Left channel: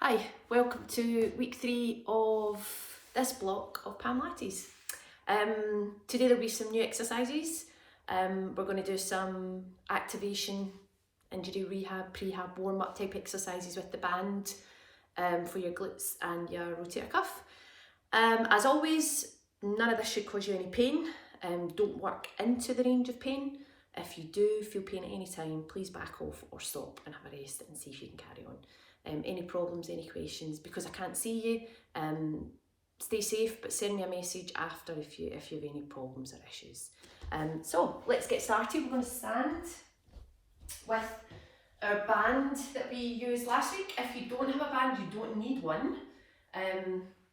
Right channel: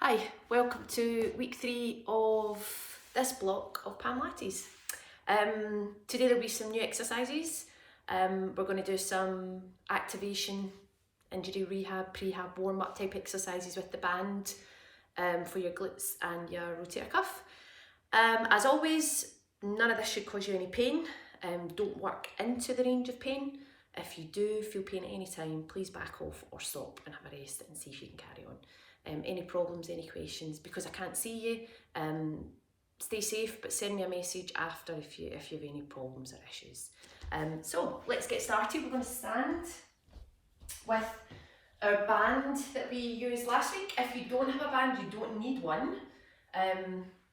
Hi, welcome to week 3 of this block of Pamlattes. Today there'll be some new exercises. We're going to do some activation, injury rehab, prehab, warm-up type exercises with the band for your glutes and your rotator cuff. As always, none of this should cause you any pain. Don't work into the range of pain. If you do feel pain at any time, please back off or stop and have a rest and see if you can carry on. Any problems, any questions, because I can't see you, stay safe, but send me a message after if you have any problems or issues. So let's get started. We're going to stand with our band that we used last week. If you don't have a band, you don't need one,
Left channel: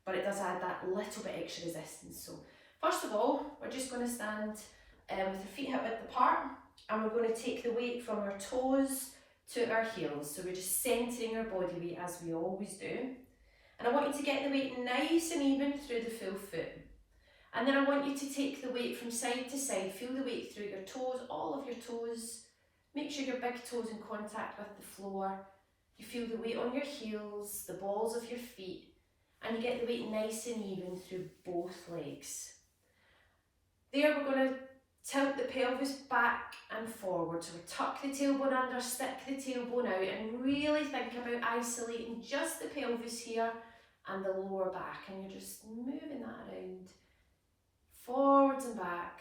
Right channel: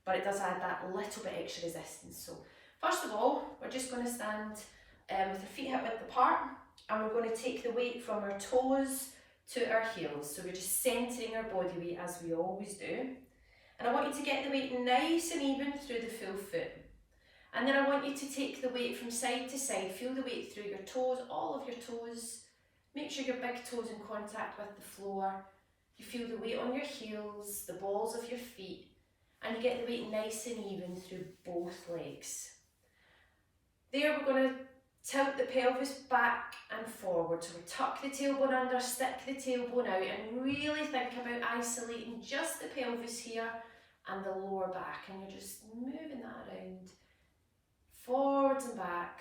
but it does add that little bit extra resistance. So first of all, we're just going to stand with our feet hip width apart, and we're going to take the weight from our toes to our heels. So we're just centering our body weight as we always do. And I want you to get the weight nice and even through the full foot. And then I want you to take the weight from side to side. Feel the weight through your toes, all of your toes. Make sure your big toes in contact with the floor. You feel the weight on your heels, the balls of your feet, and you get the weight nice and even through both legs. There we're going to tilt the pelvis back and forward. So we tuck the tailbone under, stick the tailbone out, and really think about isolating just the pelvis here and the lower back. And you're just moving that around, forwards and back.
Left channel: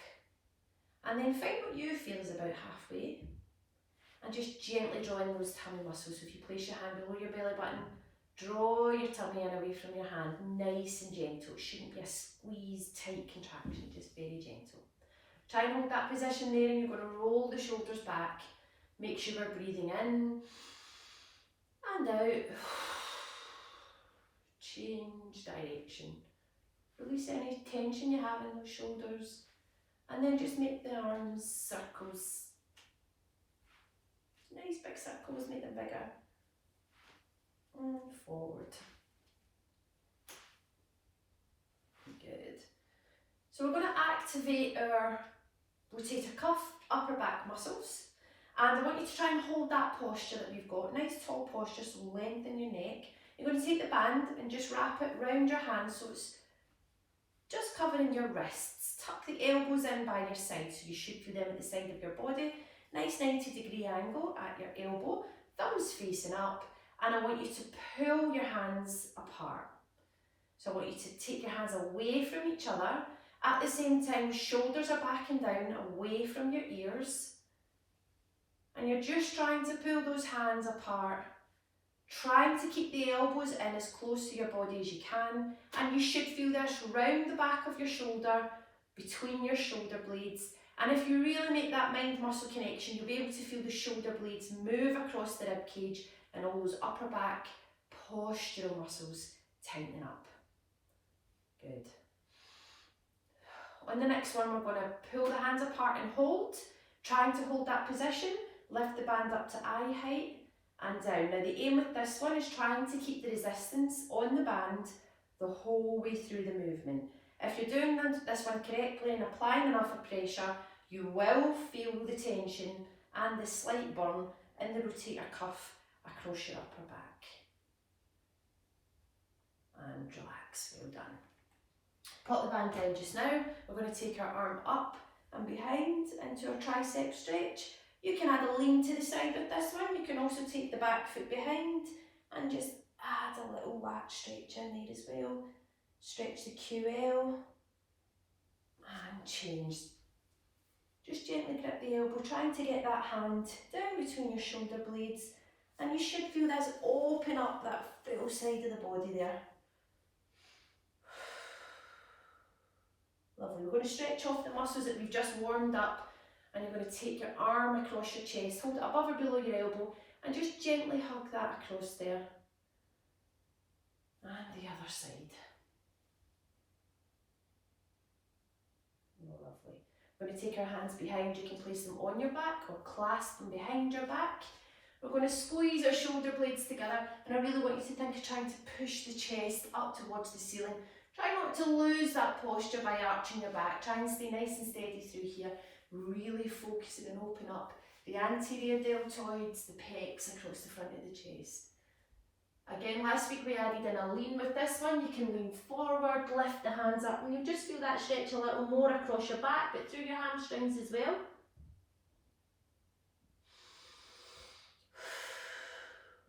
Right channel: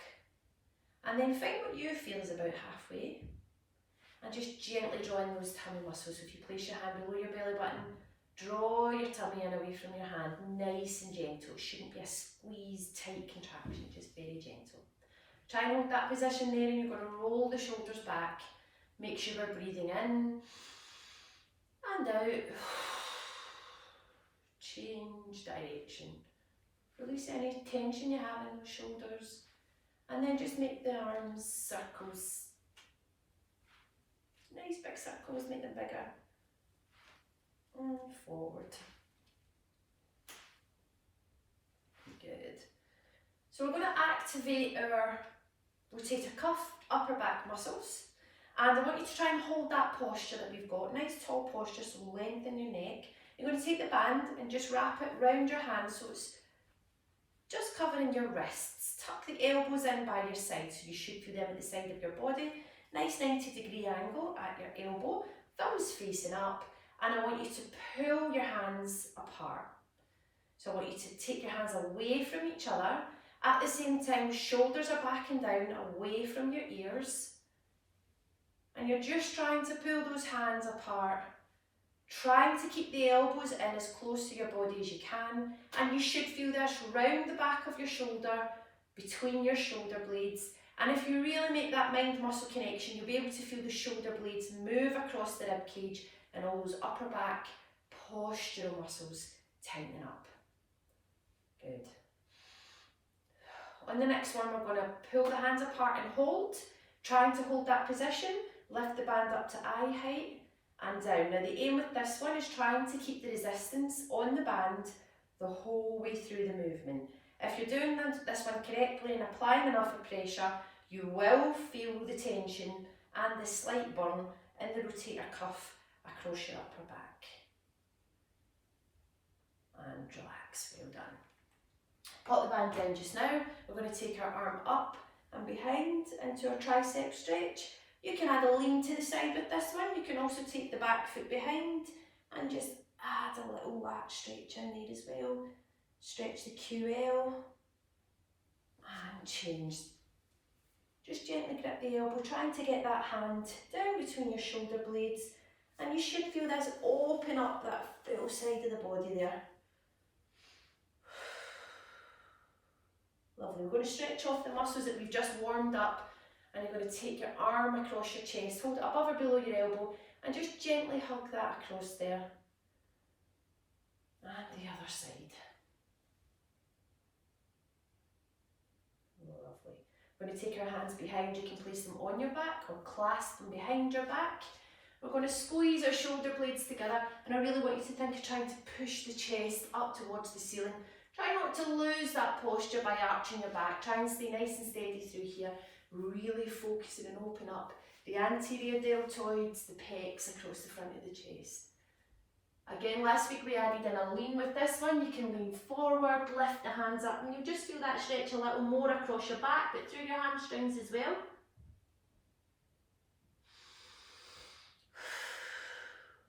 And then find what you feel is about halfway. And just gently draw in those tummy muscles. So if you place your hand below your belly button, draw your tummy in away from your hand, nice and gentle. It shouldn't be a squeeze, tight contraction, just very gentle. Try and hold that position there, and you're going to roll the shoulders back. Make sure we're breathing in and out. Change direction. Release any tension you have in those shoulders. And then just make the arms circles. Nice big circles, make them bigger. And forward. Good. So we're going to activate our rotator cuff, upper back muscles, and I want you to try and hold that posture that we've got, nice tall posture, so lengthen your neck. You're going to take the band and just wrap it round your hands so it's just covering your wrists. Tuck the elbows in by your side, so you should feel them at the side of your body. Nice 90-degree angle at your elbow, thumbs facing up, and I want you to pull your hands apart. So I want you to take your hands away from each other. At the same time, shoulders are back and down, away from your ears. And you're just trying to pull those hands apart, trying to keep the elbows in as close to your body as you can. And you should feel this round the back of your shoulder, between your shoulder blades. And if you really make that mind-muscle connection, you'll be able to feel the shoulder blades move across the rib cage and all those upper back postural muscles tightening up. Good. On the next one, we're going to pull the hands apart and hold, trying to hold that position, lift the band up to eye height and down. Now the aim with this one is trying to keep the resistance on the band the whole way through the movement. If you're doing this one correctly and applying enough of pressure, you will feel the tension and the slight burn in the rotator cuff across your upper back. And relax, well done. Put the band down just now. We're going to take our arm up and behind into our tricep stretch. You can add a lean to the side with this one. You can also take the back foot behind and just add a little lat stretch in there as well. Stretch the QL and change. Just gently grip the elbow, trying to get that hand down between your shoulder blades, and you should feel this open up that full side of the body there. Lovely. We're going to stretch off the muscles that we've just warmed up, and you're going to take your arm across your chest, hold it above or below your elbow, and just gently hug that across there. And the other side. Lovely. We're going to take our hands behind. You can place them on your back or clasp them behind your back. We're going to squeeze our shoulder blades together, and I really want you to think of trying to push the chest up towards the ceiling. Try not to lose that posture by arching your back. Try and stay nice and steady through here. Really focusing and open up the anterior deltoids, the pecs across the front of the chest. Again, last week we added in a lean. With this one, you can lean forward, lift the hands up, and you'll just feel that stretch a little more across your back, but through your hamstrings as well.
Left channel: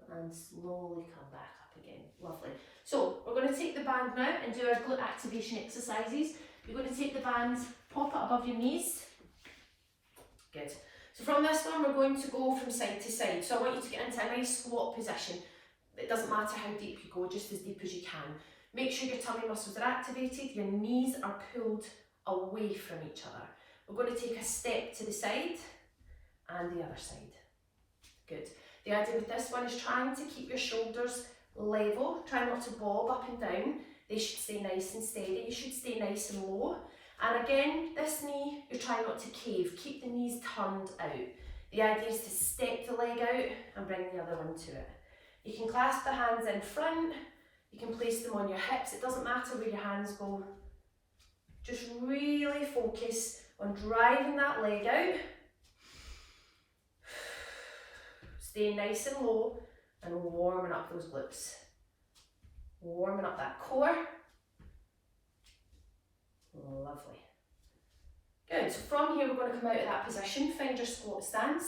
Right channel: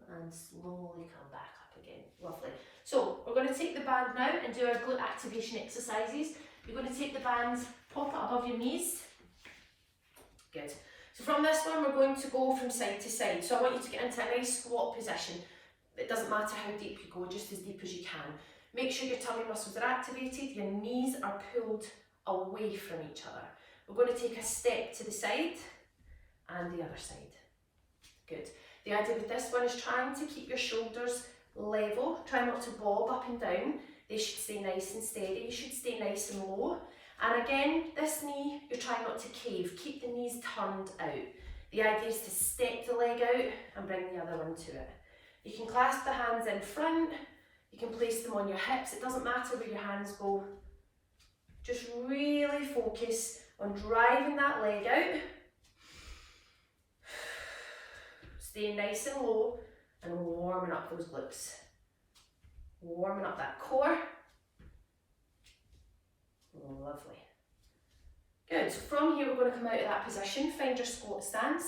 And slowly come back up again. Lovely. So we're going to take the band now and do our glute activation exercises. You're going to take the band, pop it above your knees. Good. So from this one, we're going to go from side to side. So I want you to get into a nice squat position. It doesn't matter how deep you go, just as deep as you can. Make sure your tummy muscles are activated, your knees are pulled away from each other. We're going to take a step to the side and the other side. Good. The idea with this one is trying to keep your shoulders level. Try not to bob up and down. They should stay nice and steady. You should stay nice and low. And again, this knee, you're trying not to cave. Keep the knees turned out. The idea is to step the leg out and bring the other one to it. You can clasp the hands in front. You can place them on your hips. It doesn't matter where your hands go. Just really focus on driving that leg out. Staying nice and low and warming up those glutes. Warming up that core. Lovely. Good. So from here we're going to come out of that position. Find your squat stance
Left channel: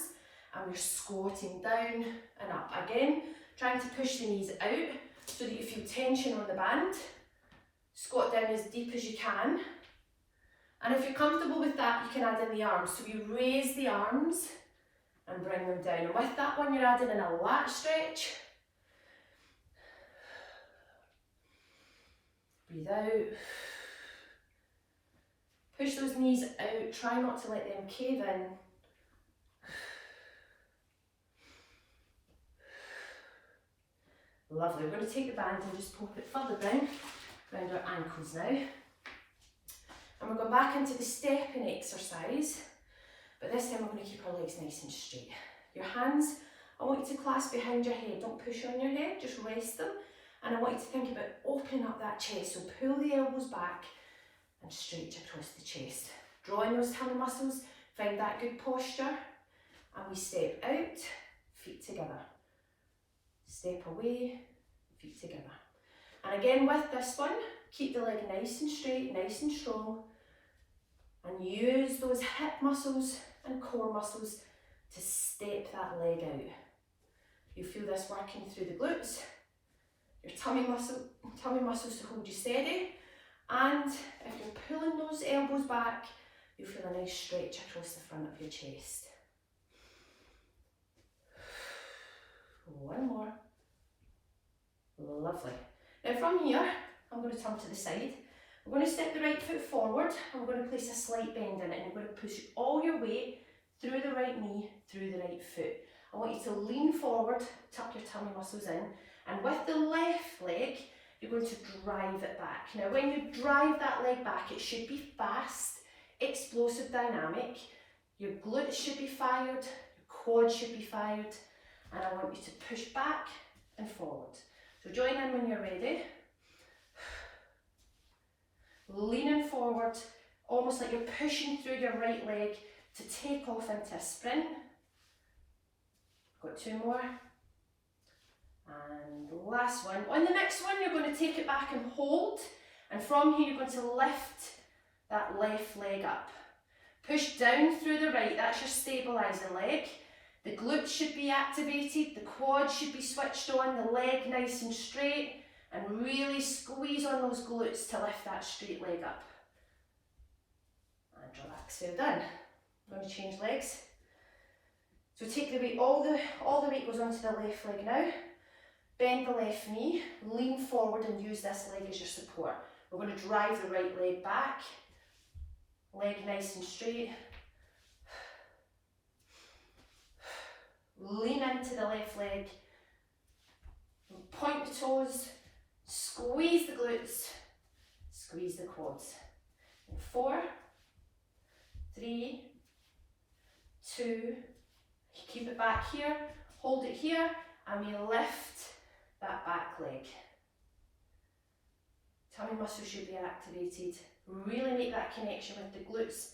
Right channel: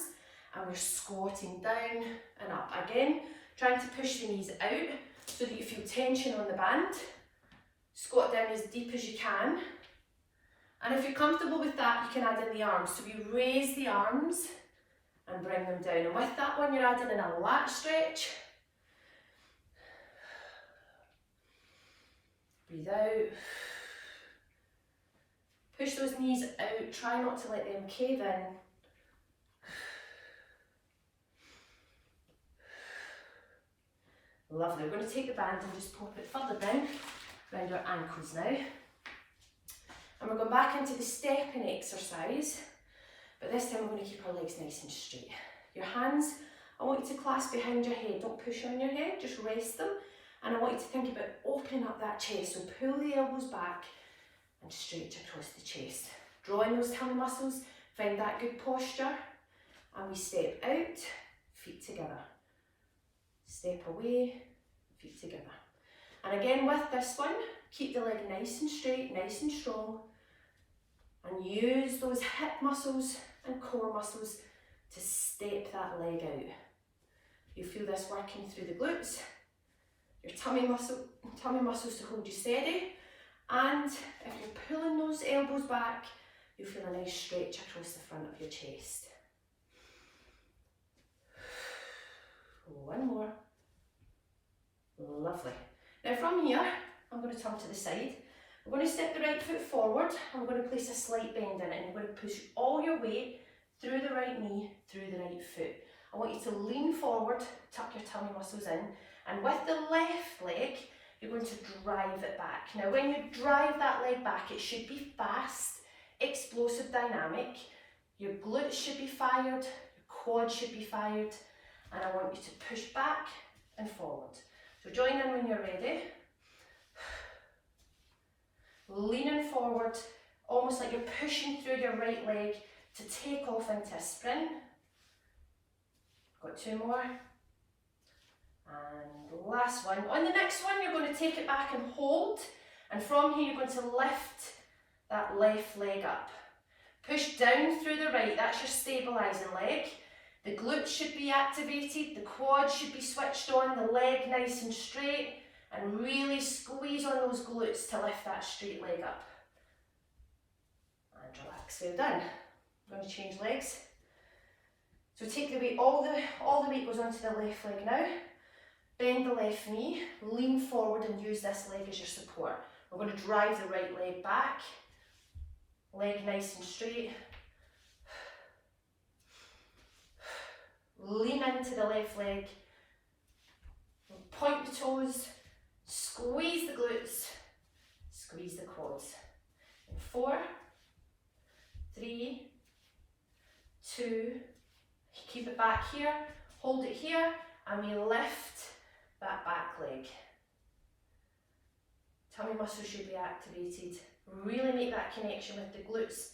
and we're squatting down and up. Again, trying to push the knees out so that you feel tension on the band. Squat down as deep as you can. And if you're comfortable with that, you can add in the arms. So we raise the arms and bring them down. And with that one, you're adding in a lat stretch. Breathe out. Push those knees out. Try not to let them cave in. Lovely. We're going to take the band and just pop it further down around our ankles now. And we're going back into the stepping exercise. But this time we're going to keep our legs nice and straight. Your hands, I want you to clasp behind your head. Don't push on your head, just rest them. And I want you to think about opening up that chest. So pull the elbows back and stretch across the chest. Draw in those tummy muscles, find that good posture. And we step out, feet together. Step away, feet together. And again with this one, keep the leg nice and straight, nice and strong. And use those hip muscles and core muscles to step that leg out. You feel this working through the glutes, your tummy muscles to hold you steady. And if you're pulling those elbows back, you'll feel a nice stretch across the front of your chest. One more. Lovely. Now from here, I'm going to turn to the side. I'm going to step the right foot forward. I'm going to place a slight bend in it, and you're going to push all your weight through the right knee, through the right foot. I want you to lean forward, tuck your tummy muscles in, and with the left leg, you're going to drive it back. Now when you drive that leg back, it should be fast, explosive, dynamic. Your glutes should be fired, your quads should be fired, and I want you to push back and forward. So join in when you're ready. Leaning forward, almost like you're pushing through your right leg to take off into a sprint. Got two more. And the last one. On the next one, you're going to take it back and hold. And from here, you're going to lift that left leg up. Push down through the right, that's your stabilising leg. The glutes should be activated, the quads should be switched on, the leg nice and straight. And really squeeze on those glutes to lift that straight leg up. And relax, so done. I'm going to change legs. So take the weight, all the weight goes onto the left leg now. Bend the left knee, lean forward and use this leg as your support. We're going to drive the right leg back. Leg nice and straight. Lean into the left leg. Point the toes. Squeeze the glutes, squeeze the quads. In 4, 3, 2, keep it back here, hold it here, and we lift that back leg. Tummy muscles should be activated. Really make that connection with the glutes.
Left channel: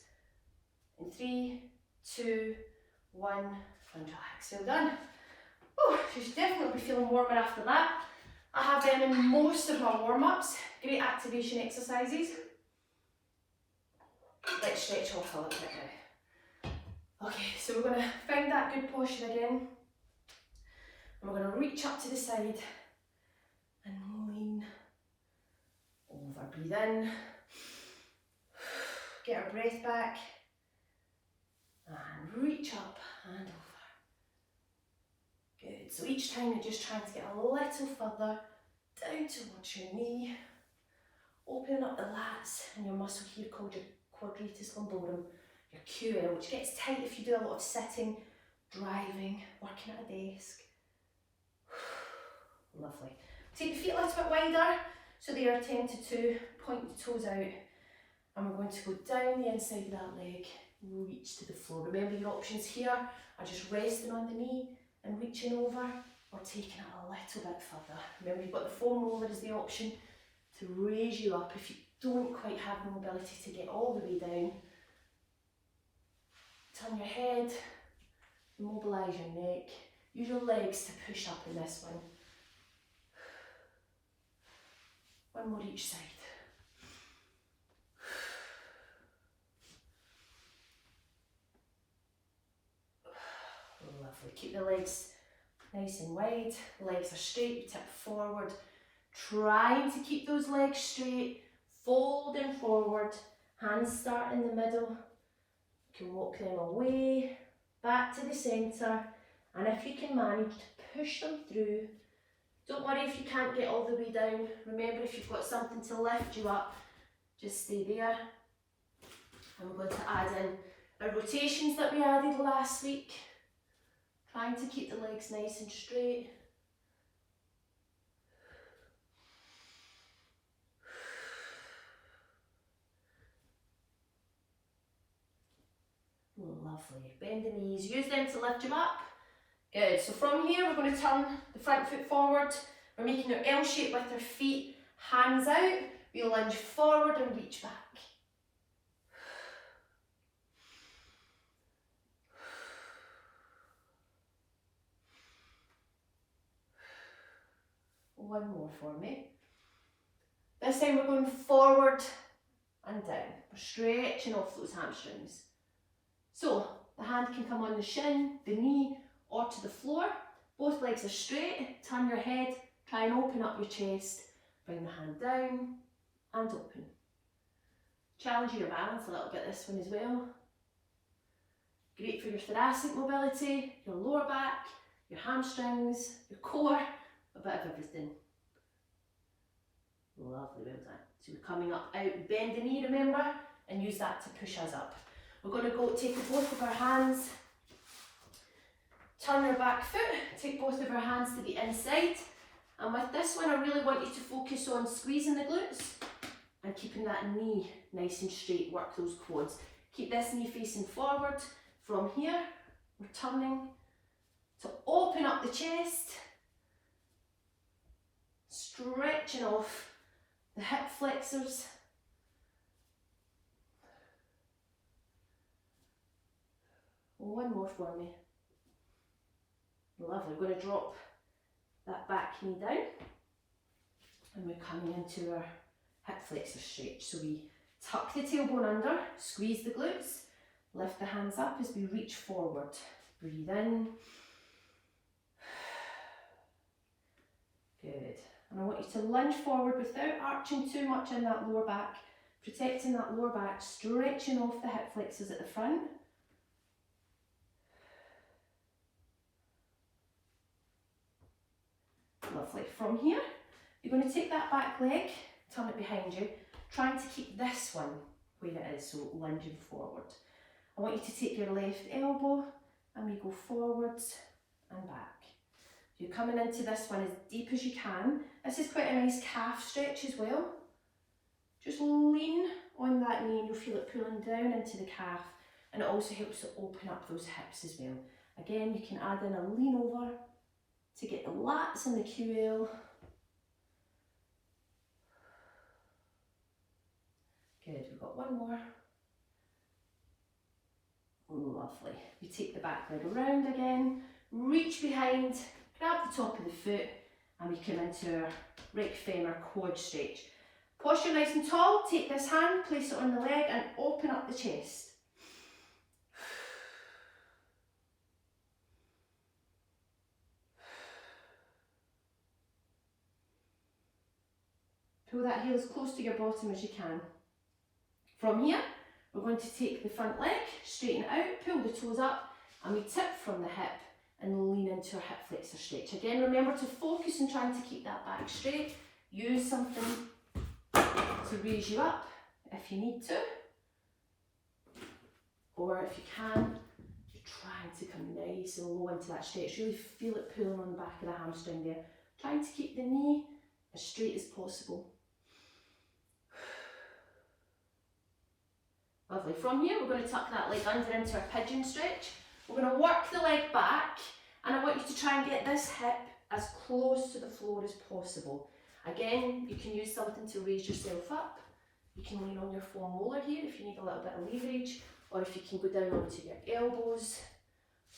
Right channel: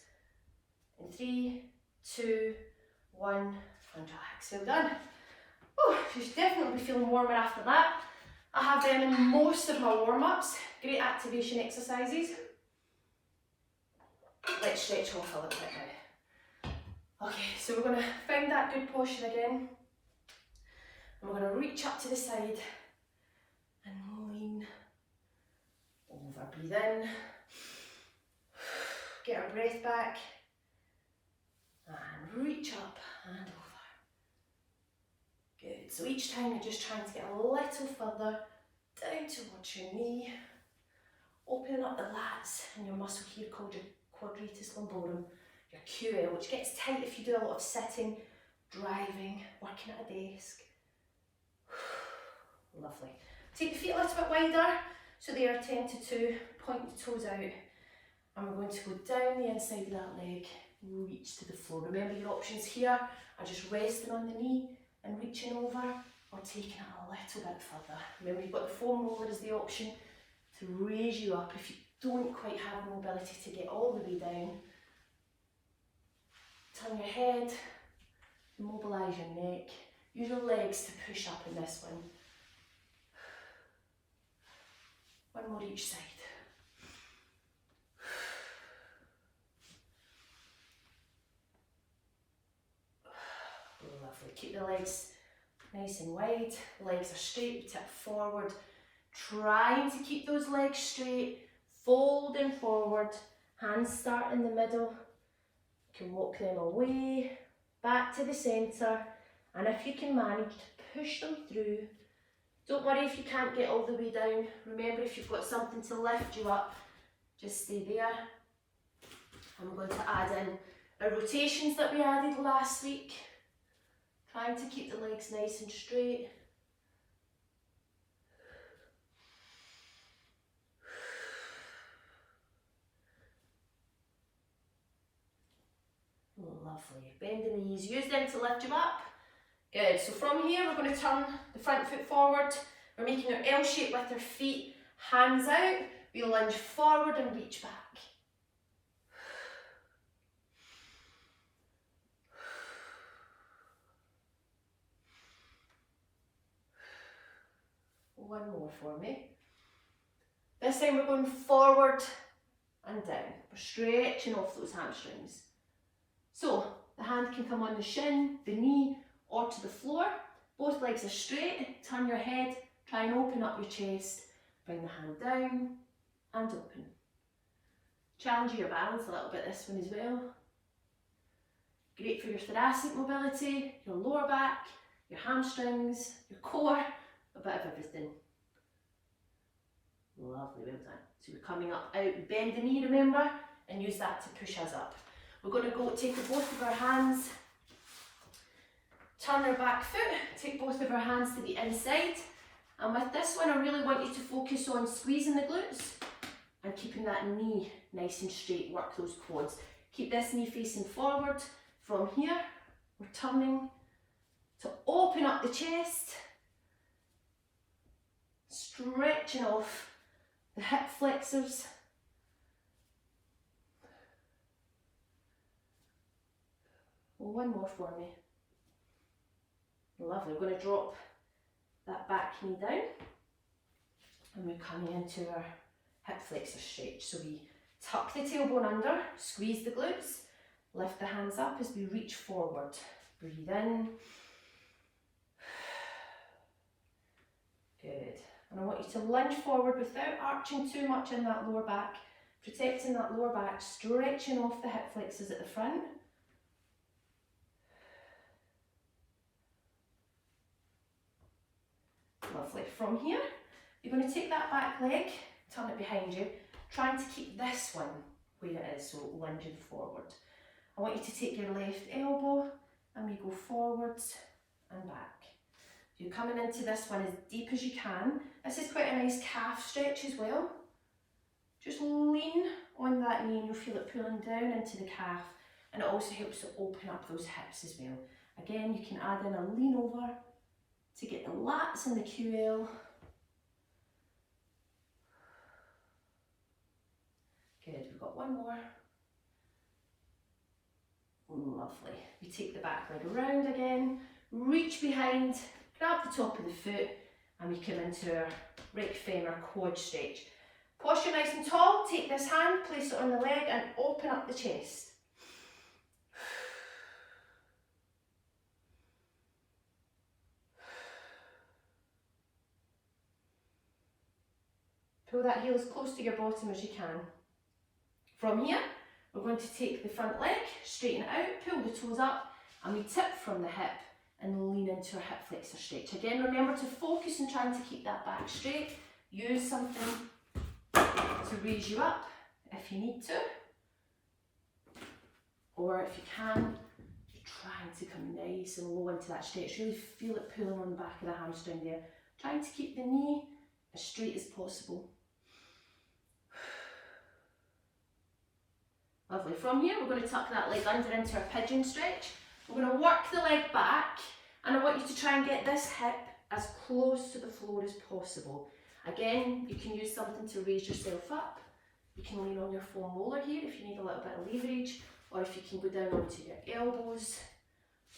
In 3, 2, 1, and relax. So done. Oh, you should definitely be feeling warmer after that. I have them in most of my warm-ups. Great activation exercises. Let's stretch off a little bit now. Okay, so we're going to find that good posture again. And we're going to reach up to the side and lean over. Breathe in. Get our breath back. And reach up and over. Good. So each time you're just trying to get a little further down towards your knee. Opening up the lats and your muscle here called your quadratus lumborum, your QL, which gets tight if you do a lot of sitting, driving, working at a desk. Lovely. Take the feet a little bit wider so they are 10 to 2. Point the toes out. And we're going to go down the inside of that leg, reach to the floor. Remember your options here are just resting on the knee and reaching over, or taking it a little bit further. Remember you've got the foam roller as the option to raise you up if you don't quite have the mobility to get all the way down. Turn your head, mobilise your neck, use your legs to push up in this one. One more each side. Lovely. Keep the legs nice and wide, legs are straight, tip forward. Trying to keep those legs straight, folding forward, hands start in the middle. You can walk them away, back to the centre, and if you can manage to push them through, don't worry if you can't get all the way down. Remember, if you've got something to lift you up, just stay there. And we're going to add in our rotations that we added last week, trying to keep the legs nice and straight. Lovely. Bend the knees, use them to lift you up. Good. So from here we're going to turn the front foot forward. We're making our L shape with our feet, hands out. We lunge forward and reach back. One more for me. This time we're going forward and down. We're stretching off those hamstrings. So the hand can come on the shin, the knee, or to the floor. Both legs are straight. Turn your head, try and open up your chest. Bring the hand down and open. Challenge your balance a little bit this one as well. Great for your thoracic mobility, your lower back, your hamstrings, your core, a bit of everything. Lovely, well done. So we're coming up out, bend the knee, remember, and use that to push us up. We're going to go take both of our hands, turn our back foot, take both of our hands to the inside. And with this one, I really want you to focus on squeezing the glutes and keeping that knee nice and straight, work those quads. Keep this knee facing forward. From here, we're turning to open up the chest, stretching off the hip flexors. One more for me. Lovely. We're going to drop that back knee down and we're coming into our hip flexor stretch. So we tuck the tailbone under, squeeze the glutes, lift the hands up as we reach forward. Breathe in. Good. And I want you to lunge forward without arching too much in that lower back, protecting that lower back, stretching off the hip flexors at the front. Lovely. From here, you're going to take that back leg, turn it behind you, trying to keep this one where it is, so lunging forward. I want you to take your left elbow and we go forwards and back. You're coming into this one as deep as you can. This is quite a nice calf stretch as well. Just lean on that knee and you'll feel it pulling down into the calf, and it also helps to open up those hips as well. Again, you can add in a lean over to get the lats and the QL. Good, we've got one more. Lovely. We take the back leg around again, reach behind, grab the top of the foot and we come into our right femur quad stretch. Posture nice and tall, take this hand, place it on the leg and open up the chest. Pull that heel as close to your bottom as you can. From here, we're going to take the front leg, straighten it out, pull the toes up, and we tip from the hip and lean into a hip flexor stretch. Again, remember to focus on trying to keep that back straight. Use something to raise you up if you need to. Or if you can, you're trying to come nice and low into that stretch. Really feel it pulling on the back of the hamstring there. Trying to keep the knee as straight as possible. Lovely. From here, we're going to tuck that leg under into our pigeon stretch. We're going to work the leg back, and I want you to try and get this hip as close to the floor as possible. Again, you can use something to raise yourself up. You can lean on your foam roller here if you need a little bit of leverage, or if you can go down onto your elbows,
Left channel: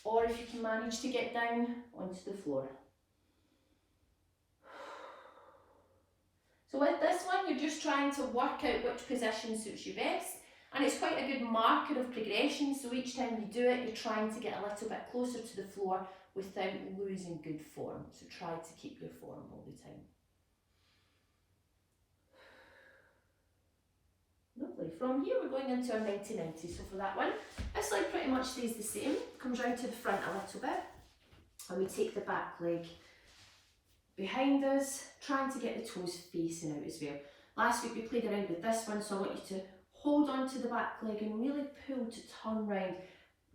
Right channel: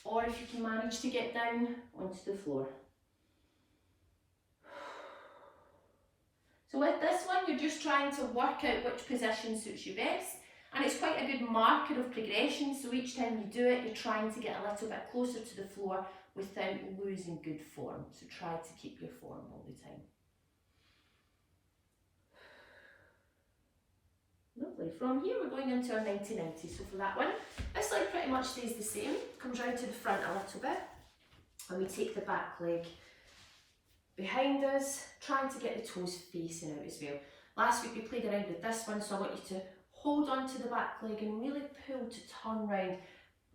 or if you can manage to get down onto the floor. So with this one, you're just trying to work out which position suits you best. And it's quite a good marker of progression, so each time you do it, you're trying to get a little bit closer to the floor without losing good form. So try to keep your form all the time. Lovely. From here, we're going into our 90-90. So for that one, this leg pretty much stays the same. Comes round to the front a little bit, and we take the back leg behind us, trying to get the toes facing out as well. Last week we played around with this one, so I want you to hold on to the back leg and really pull to turn round.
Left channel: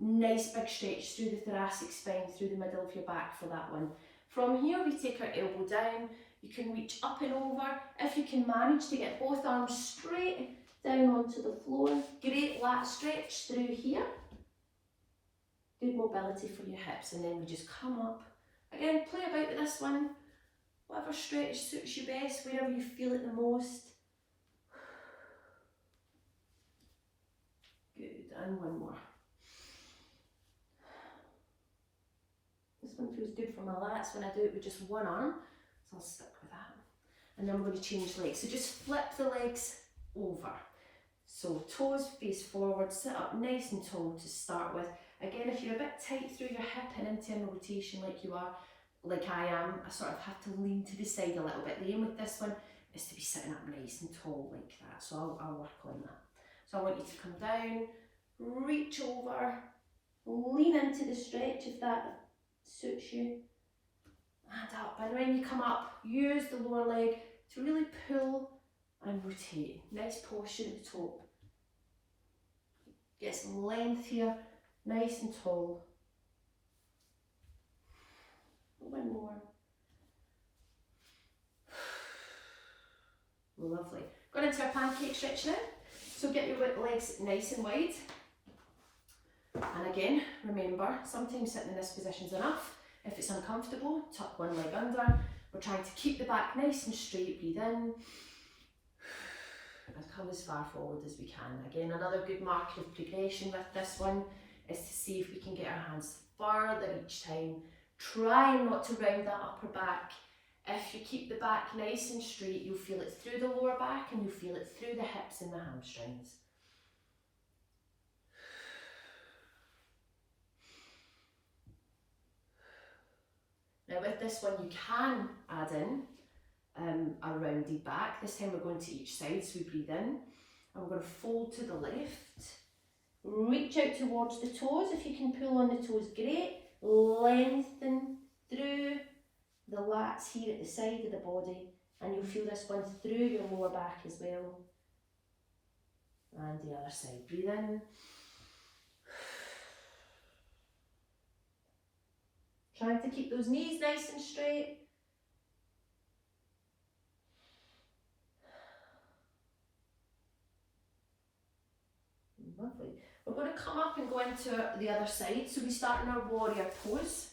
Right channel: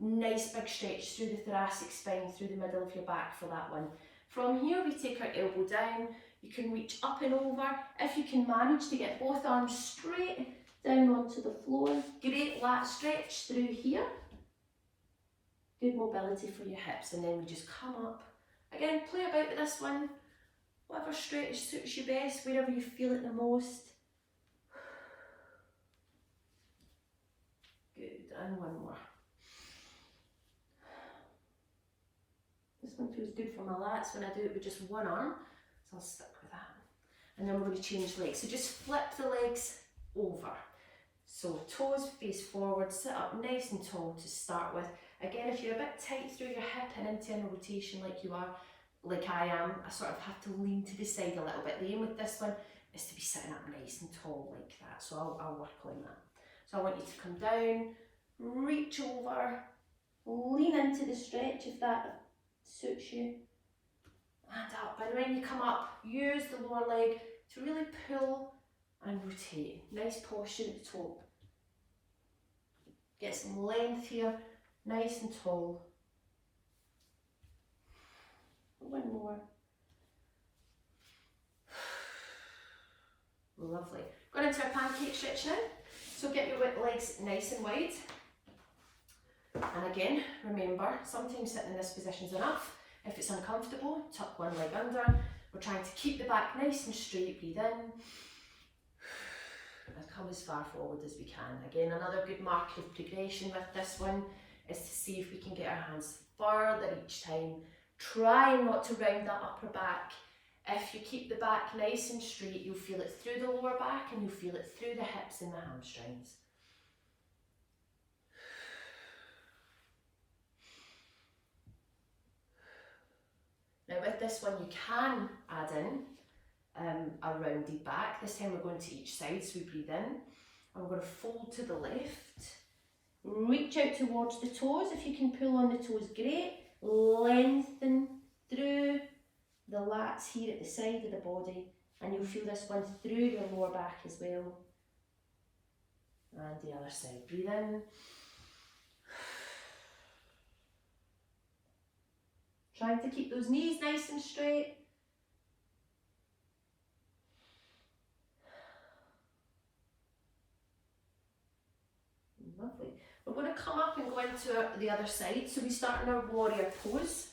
Nice big stretch through the thoracic spine, through the middle of your back for that one. From here, we take our elbow down. You can reach up and over. If you can manage to get both arms straight down onto the floor, great lat stretch through here. Good mobility for your hips, and then we just come up. Again, play about with this one. Whatever stretch suits you best, wherever you feel it the most. Good, and one more. This one feels good for my lats when I do it with just one arm, so I'll stick with that. And then we're going to change legs. So just flip the legs over. So toes face forward, sit up nice and tall to start with. Again, if you're a bit tight through your hip and internal rotation like you are, like I am, I sort of have to lean to the side a little bit. The aim with this one is to be sitting up nice and tall like that. So I'll work on that. So I want you to come down, reach over, lean into the stretch if that suits you, and up. And when you come up, use the lower leg to really pull and rotate. Nice posture at the top. Get some length here, nice and tall. One more. Lovely. Going into our pancake stretch now. So get your legs nice and wide. And again, remember, sometimes sitting in this position is enough. If it's uncomfortable, tuck one leg under. We're trying to keep the back nice and straight. Breathe in. And come as far forward as we can. Again, another good marker of progression with this one is to see if we can get our hands further each time. Try not to round that upper back. If you keep the back nice and straight, you'll feel it through the lower back and you'll feel it through the hips and the hamstrings. Now with this one, you can add in a rounded back. This time we're going to each side, so we breathe in. And we're going to fold to the left. Reach out towards the toes. If you can pull on the toes, great. Lengthen through the lats here at the side of the body, and you'll feel this one through your lower back as well. And the other side. Breathe in. Trying to keep those knees nice and straight. Lovely. We're going to come up and go into the other side. So we start in our warrior pose.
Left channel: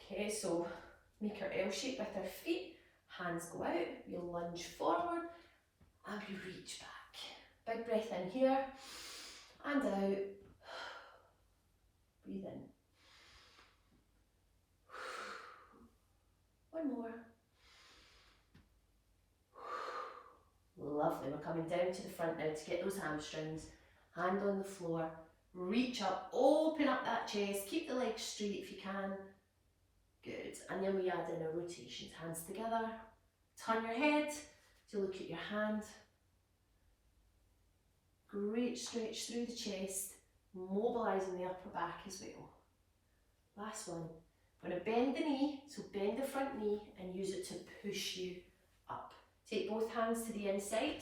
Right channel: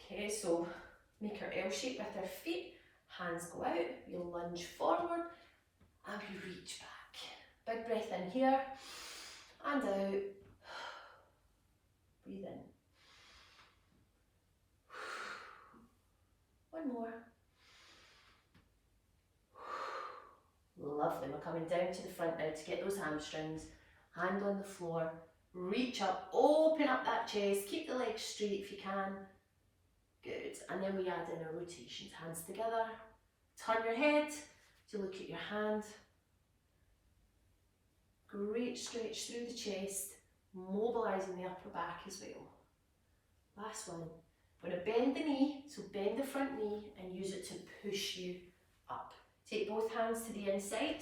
Okay, so make our L shape with our feet. Hands go out. You lunge forward and we reach back. Big breath in here and out. Breathe in. One more. Lovely. We're coming down to the front now to get those hamstrings. Hand on the floor. Reach up, open up that chest. Keep the legs straight if you can. Good. And then we add in our rotations. Hands together. Turn your head to look at your hand. Great stretch through the chest, mobilising the upper back as well. Last one. I'm going to bend the knee, so bend the front knee and use it to push you up. Take both hands to the inside.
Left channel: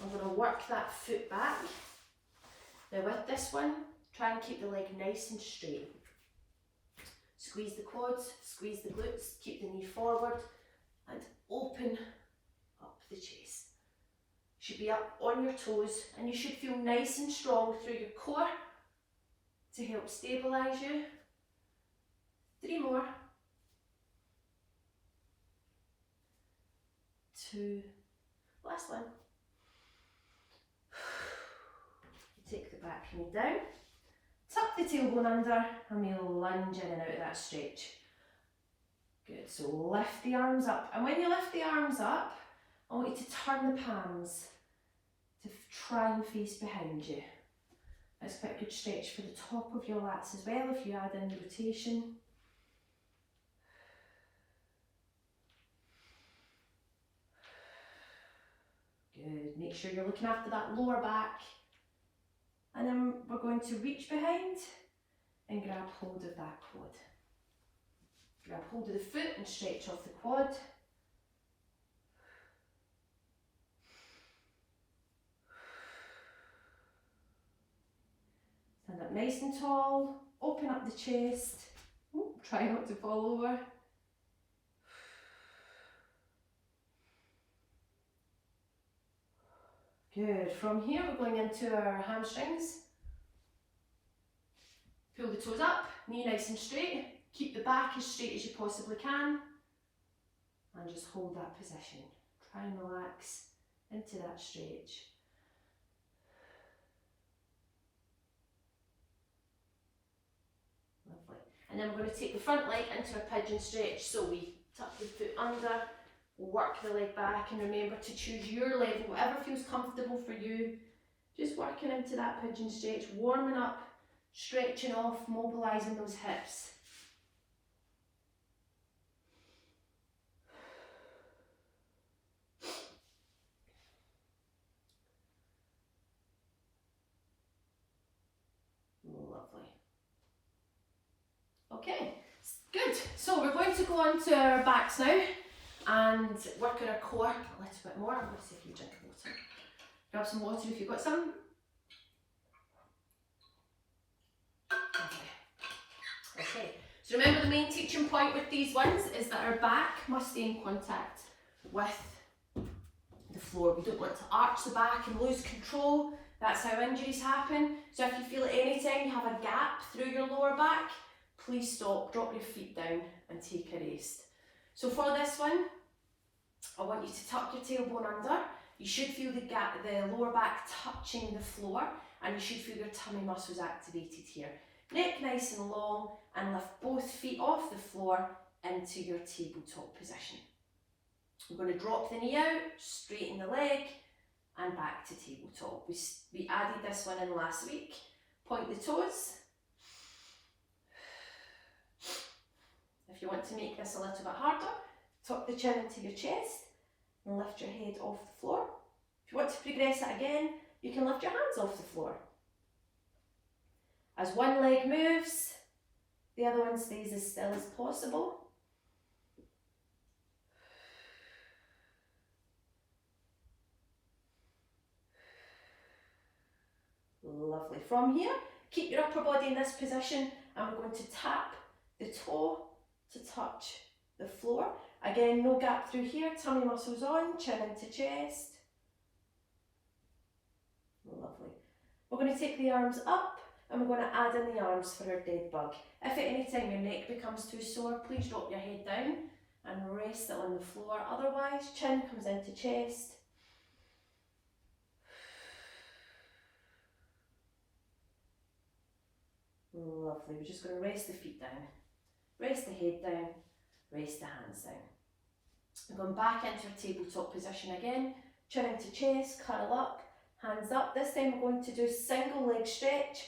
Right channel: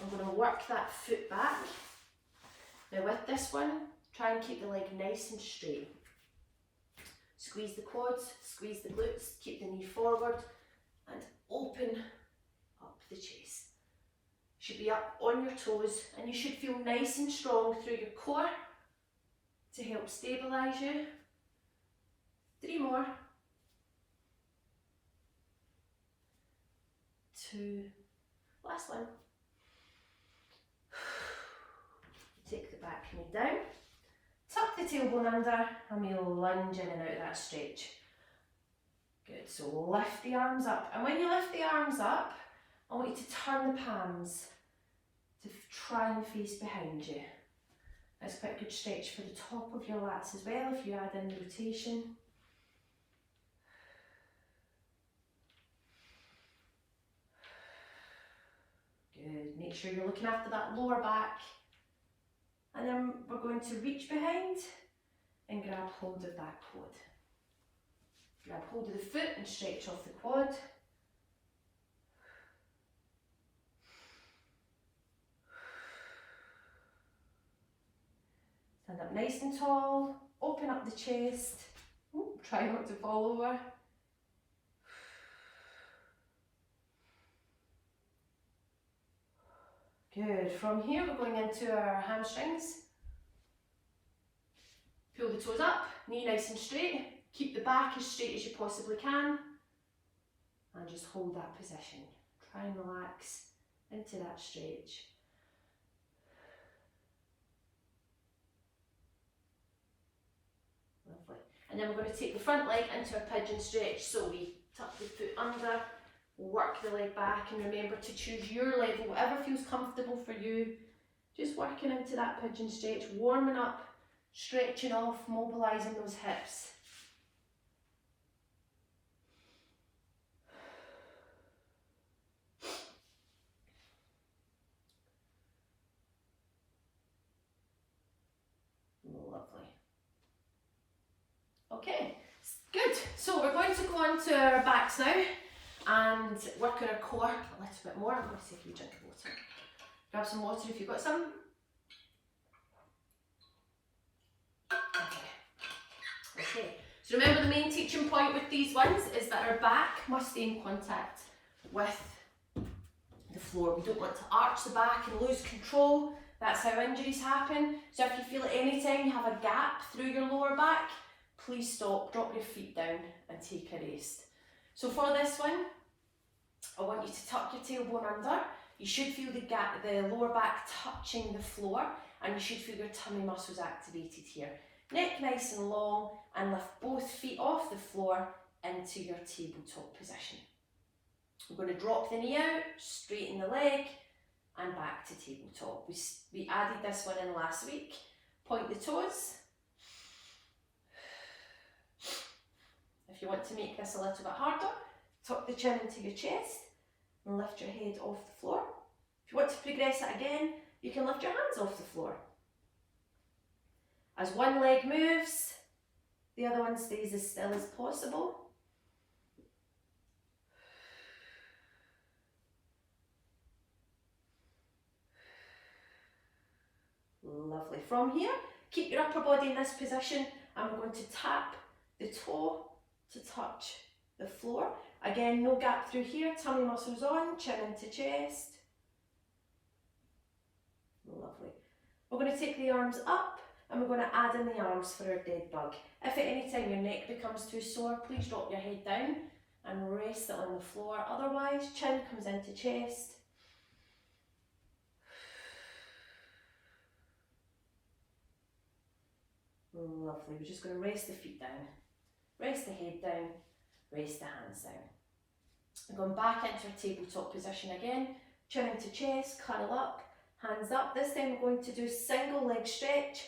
I'm going to work that foot back. Now with this one, try and keep the leg nice and straight. Squeeze the quads, squeeze the glutes, keep the knee forward and open up the chest. Should be up on your toes and you should feel nice and strong through your core to help stabilise you. 3 more. 2. Last one. Take the back knee down. Tuck the tailbone under and we lunge in and out of that stretch. Good, so lift the arms up. And when you lift the arms up, I want you to turn the palms to try and face behind you. That's quite a good stretch for the top of your lats as well if you add in the rotation. Good, make sure you're looking after that lower back. And then we're going to reach behind and grab hold of that quad. Grab hold of the foot and stretch off the quad. Stand up nice and tall, open up the chest. Ooh, try not to fall over. Good. From here we're going into our hamstrings. Pull the toes up, knee nice and straight. Keep the back as straight as you possibly can. And just hold that position. Try and relax into that stretch. Lovely. And then we're going to take the front leg into a pigeon stretch. So we tuck the foot under, work the leg back, and remember to choose your level, whatever feels comfortable for you. Just working into that pigeon stretch, warming up, stretching off, mobilising those hips. Lovely. Okay, good. So we're going to go on to our backs now and work on our core a little bit more. I'm going to see if you drink water. Grab some water if you've got some. Okay, so remember the main teaching point with these ones is that our back must stay in contact with the floor. We don't want to arch the back and lose control. That's how injuries happen. So if you feel at any time you have a gap through your lower back, please stop, drop your feet down and take a rest. So for this one, I want you to tuck your tailbone under. You should feel the gap, the lower back touching the floor, and you should feel your tummy muscles activated here. Neck nice and long, and lift both feet off the floor into your tabletop position. We're going to drop the knee out, straighten the leg, and back to tabletop. We added this one in last week. Point the toes. If you want to make this a little bit harder, tuck the chin into your chest and lift your head off the floor. If you want to progress it again, you can lift your hands off the floor. As one leg moves, the other one stays as still as possible. Lovely. From here, keep your upper body in this position. I'm going to tap the toe to touch the floor. Again, no gap through here, tummy muscles on, chin into chest. Lovely. We're going to take the arms up and we're going to add in the arms for our dead bug. If at any time your neck becomes too sore, please drop your head down and rest it on the floor. Otherwise, chin comes into chest. Lovely. We're just going to rest the feet down, rest the head down, rest the hands down. Going back into our tabletop position again, chin into chest, curl up, hands up. This time we're going to do single leg stretch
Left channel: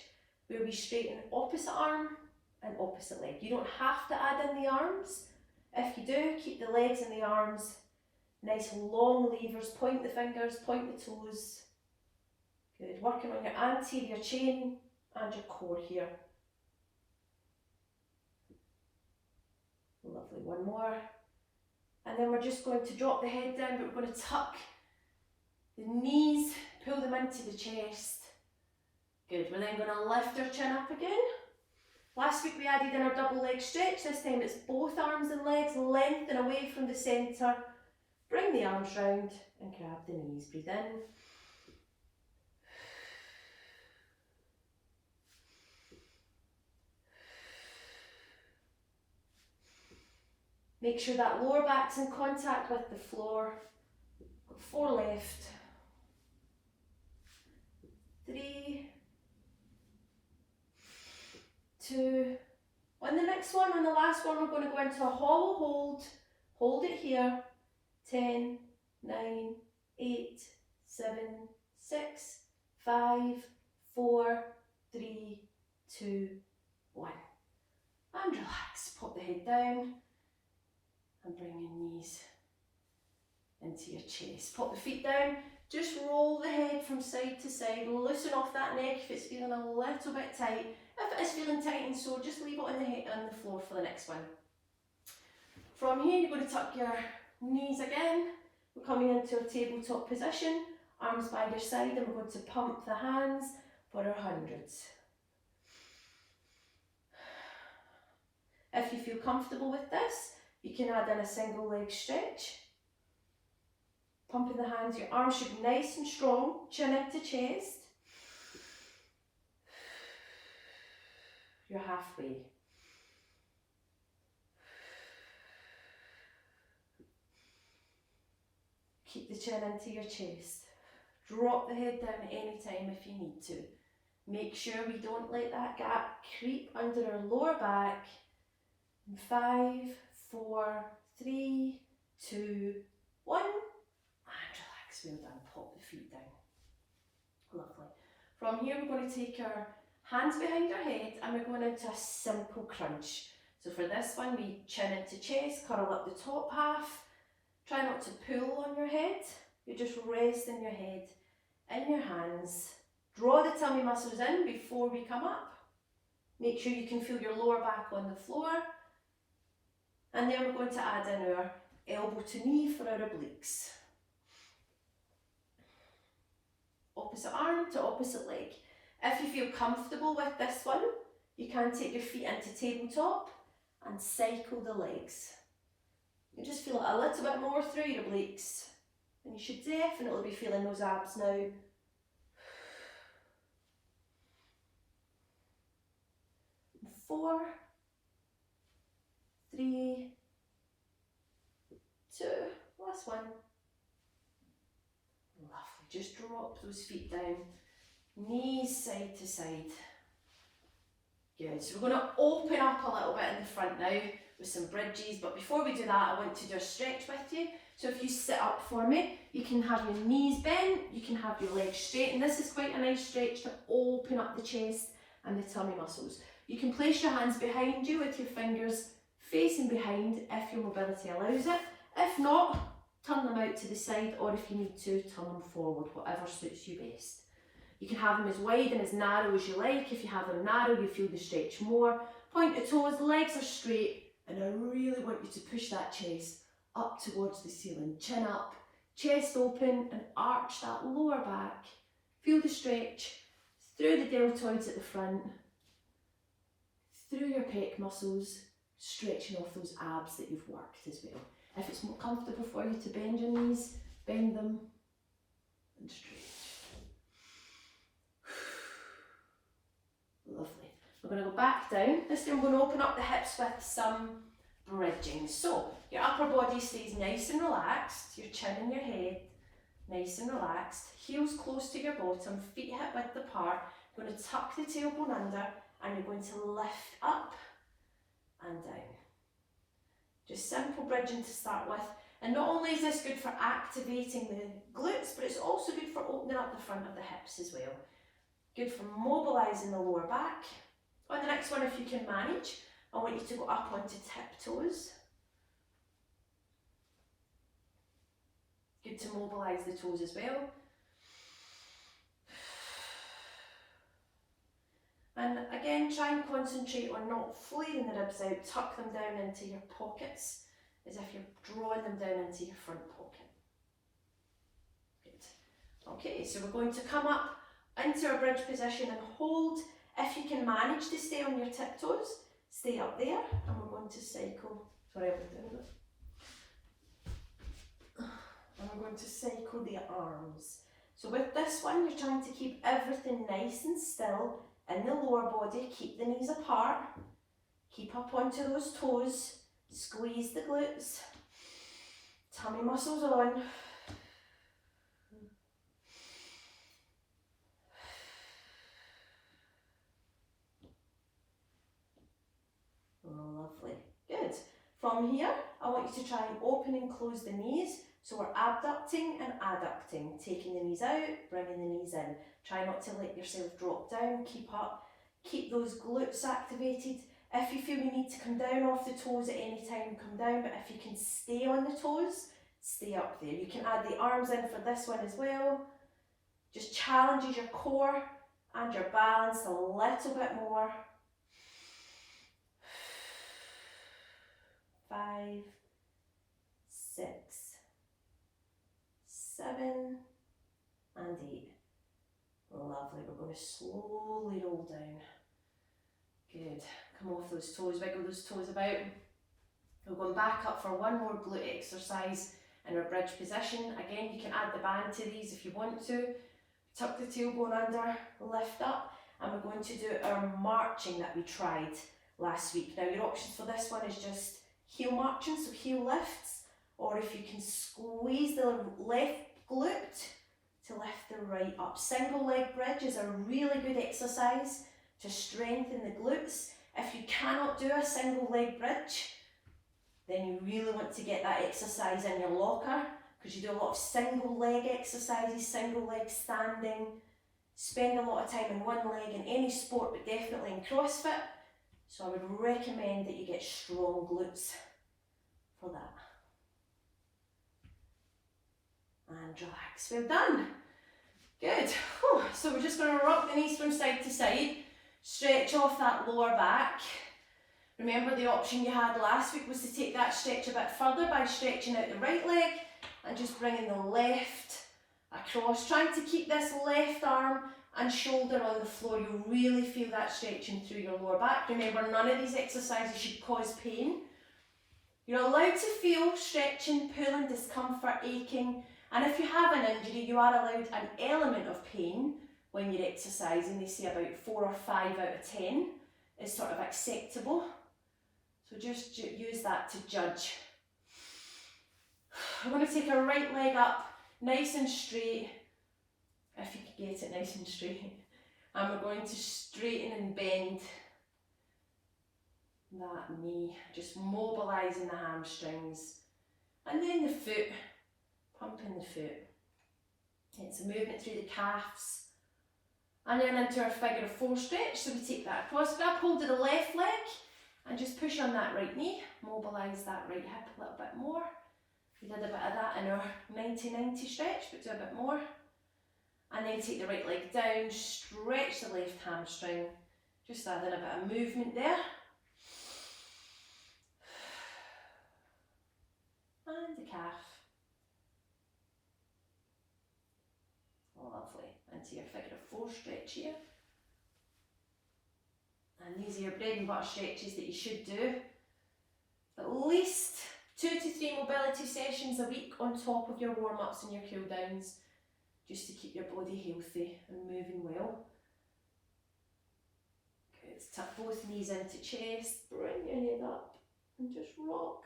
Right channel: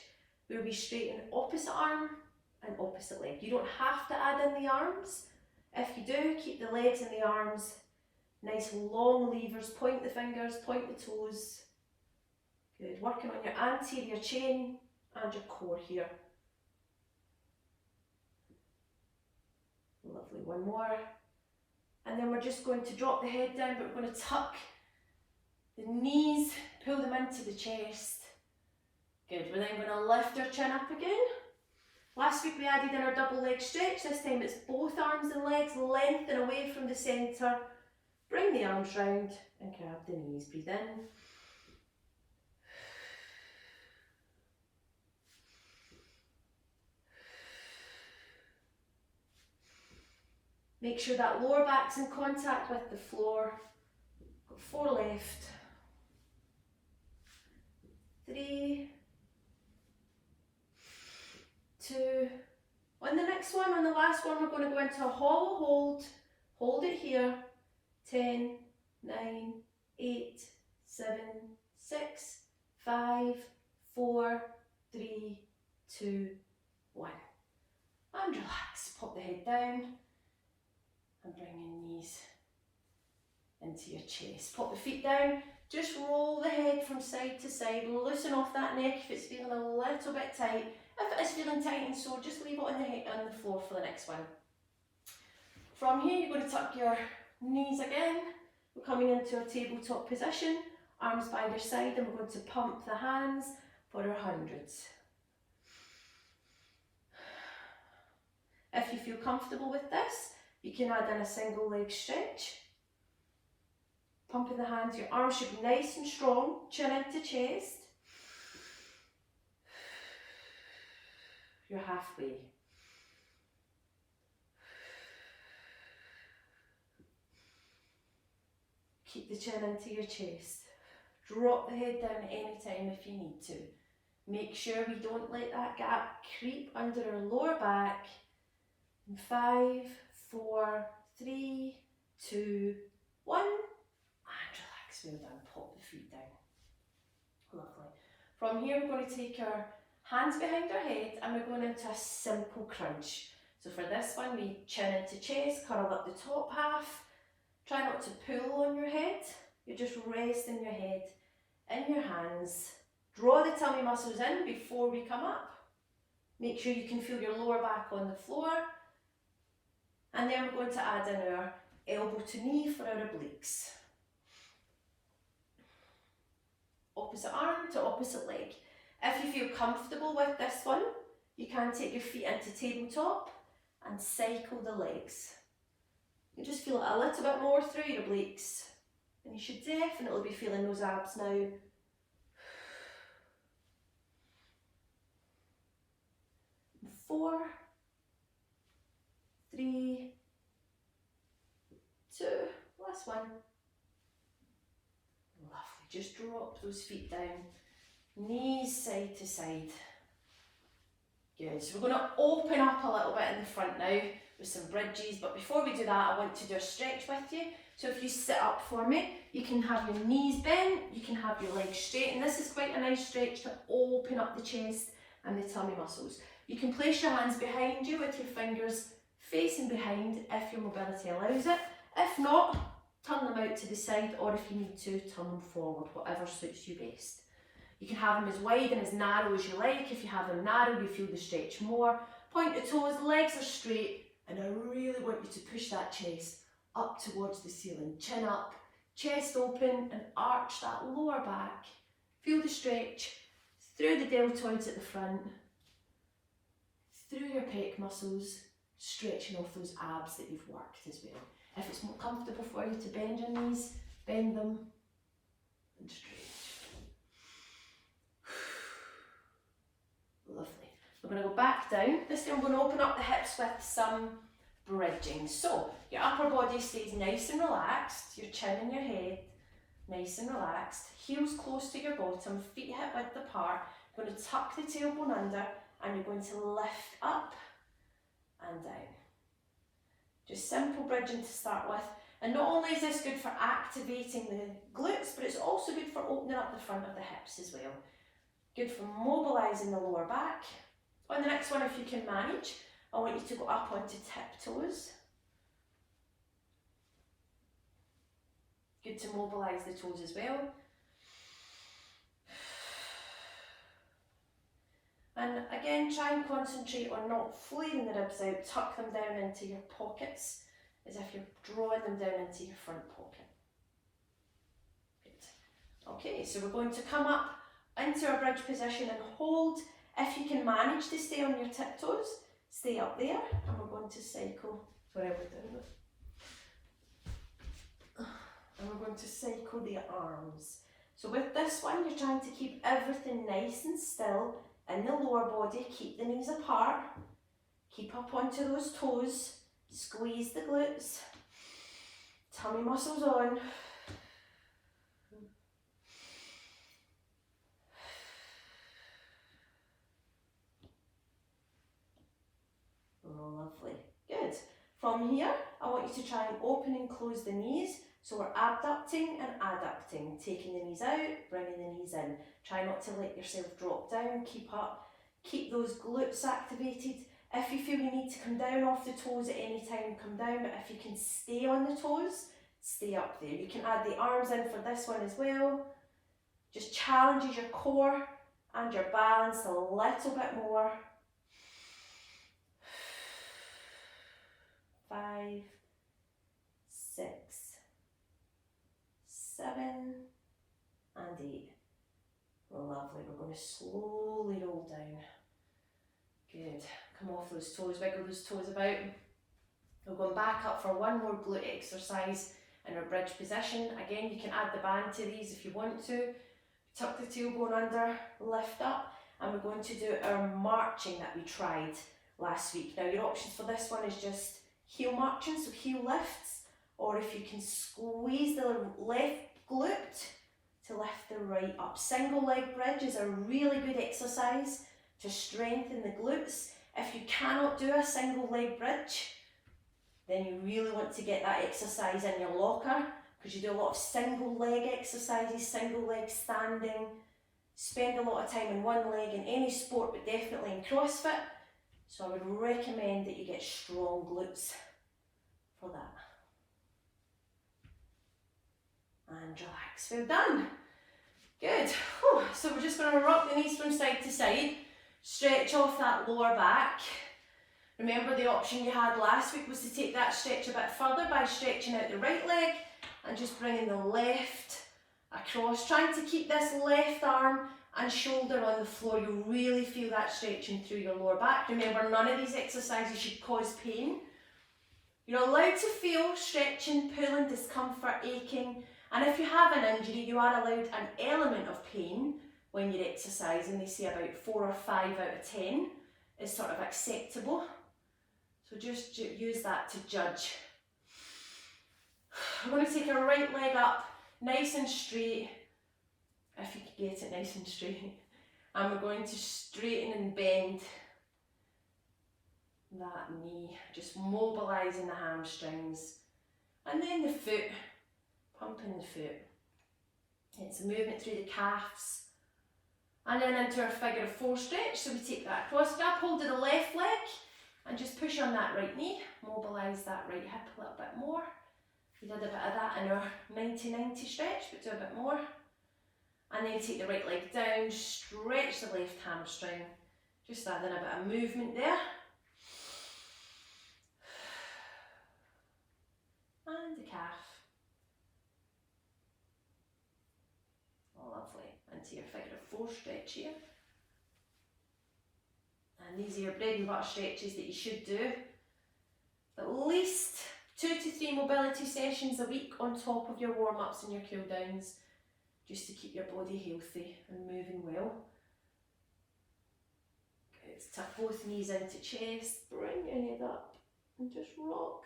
where we straighten opposite arm and opposite leg. You don't have to add in the arms. If you do, keep the legs and the arms nice long levers, point the fingers, point the toes. Good, working on your anterior chain and your core here. Lovely, one more. And then we're just going to drop the head down, but we're going to tuck the knees, pull them into the chest. Good, we're then going to lift our chin up again. Last week we added in our double leg stretch. This time it's both arms and legs, lengthen away from the centre. Bring the arms round and grab the knees. Breathe in. Make sure that lower back's in contact with the floor. Got 4 left. 3, 2. On the next one, on the last one, we're going to go into a hollow hold. Hold it here. 10, 9, 8, 7, 6, 5, 4, 3, 2, 1. And relax. Pop the head down. And bring your knees into your chest. Pop the feet down, just roll the head from side to side, loosen off that neck if it's feeling a little bit tight. If it is feeling tight and sore, just leave it on the floor for the next one. From here, you're going to tuck your knees again. We're coming into a tabletop position, arms by your side, and we're going to pump the hands for our hundreds. If you feel comfortable with this, you can add in a single leg stretch. Pumping the hands, your arms should be nice and strong, chin into chest. You're halfway. Keep the chin into your chest. Drop the head down at any time if you need to. Make sure we don't let that gap creep under our lower back. In 5, 4, 3, 2, 1, and relax. Well done. Pop the feet down. Lovely. From here, we're going to take our hands behind our head and we're going into a simple crunch. So for this one, we chin into chest, curl up the top half. Try not to pull on your head. You're just resting your head in your hands. Draw the tummy muscles in before we come up. Make sure you can feel your lower back on the floor. And then we're going to add in our elbow to knee for our obliques. Opposite arm to opposite leg. If you feel comfortable with this one, you can take your feet into tabletop and cycle the legs. You just feel it a little bit more through your obliques. And you should definitely be feeling those abs now. 4, 3, 2, last one. Lovely, just drop those feet down, knees side to side. Good, so we're going to open up a little bit in the front now with some bridges, but before we do that I want to do a stretch with you. So if you sit up for me, you can have your knees bent, you can have your legs straight, and this is quite a nice stretch to open up the chest and the tummy muscles. You can place your hands behind you with your fingers facing behind if your mobility allows it. If not, turn them out to the side, or if you need to, turn them forward, whatever suits you best. You can have them as wide and as narrow as you like. If you have them narrow, you feel the stretch more. Point the toes, legs are straight, and I really want you to push that chest up towards the ceiling. Chin up, chest open, and arch that lower back. Feel the stretch through the deltoids at the front, through your pec muscles, stretching off those abs that you've worked as well. If it's more comfortable for you to bend your knees, bend them and stretch. Lovely. We're going to go back down. This time I'm going to open up the hips with some bridging. So your upper body stays nice and relaxed, your chin and your head nice and relaxed, heels close to your bottom, feet hip width apart. You're going to tuck the tailbone under and you're going to lift up and down. Just simple bridging to start with. And not only is this good for activating the glutes, but it's also good for opening up the front of the hips as well. Good for mobilising the lower back. On the next one, if you can manage, I want you to go up onto tiptoes. Good to mobilise the toes as well. And again, try and concentrate on not flaring the ribs out, tuck them down into your pockets, as if you're drawing them down into your front pocket. Good. Okay, so we're going to come up into our bridge position and hold. If you can manage to stay on your tiptoes, stay up there, and we're going to cycle. Sorry, I'll be doing it. And we're going to cycle the arms. So with this one, you're trying to keep everything nice and still in the lower body. Keep the knees apart. Keep up onto those toes. Squeeze the glutes. Tummy muscles on. Lovely. Good. From here, I want you to try and open and close the knees. So we're abducting and adducting, taking the knees out, bringing the knees in. Try not to let yourself drop down, keep up, keep those glutes activated. If you feel you need to come down off the toes at any time, come down, but if you can stay on the toes, stay up there. You can add the arms in for this one as well. Just challenges your core and your balance a little bit more. 5, 6, 7 and 8. Lovely. We're going to slowly roll down. Good. Come off those toes, wiggle those toes about. We're going back up for one more glute exercise in our bridge position. Again, you can add the band to these if you want to. Tuck the tailbone under, lift up, and we're going to do our marching that we tried last week. Now your options for this one is just heel marching, so heel lifts, or if you can squeeze the left glute to lift the right up. Single leg bridge is a really good exercise to strengthen the glutes. If you cannot do a single leg bridge, then you really want to get that exercise in your locker, because you do a lot of single leg exercises, single leg standing, spend a lot of time in one leg in any sport, but definitely in CrossFit. So I would recommend that you get strong glutes for that. And relax, we're done. Good. Whew. So we're just going to rock the knees from side to side, stretch off that lower back. Remember the option you had last week was to take that stretch a bit further by stretching out the right leg and just bringing the left across, trying to keep this left arm and shoulder on the floor. You'll really feel that stretching through your lower back. Remember, none of these exercises should cause pain. You're allowed to feel stretching, pulling, discomfort, aching, and if you have an injury, you are allowed an element of pain when you're exercising. They say about 4 or 5 out of 10 is sort of acceptable. So just use that to judge. We're going to take our right leg up, nice and straight, if you can get it nice and straight. And we're going to straighten and bend that knee, just mobilising the hamstrings. And then the foot, pumping the foot. It's a movement through the calves. And then into our figure of 4 stretch. So we take that across, grab hold of the left leg and just push on that right knee. Mobilise that right hip a little bit more. We did a bit of that in our 90-90 stretch, but do a bit more. And then take the right leg down, stretch the left hamstring. Just adding a bit of movement there. And the calf. Lovely. Into your figure of 4 stretch here. And these are your bread and butter stretches that you should do. At least 2 to 3 mobility sessions a week on top of your warm-ups and your cool-downs, just to keep your body healthy and moving well. Good. Tuck both knees into chest, bring your head up and just rock.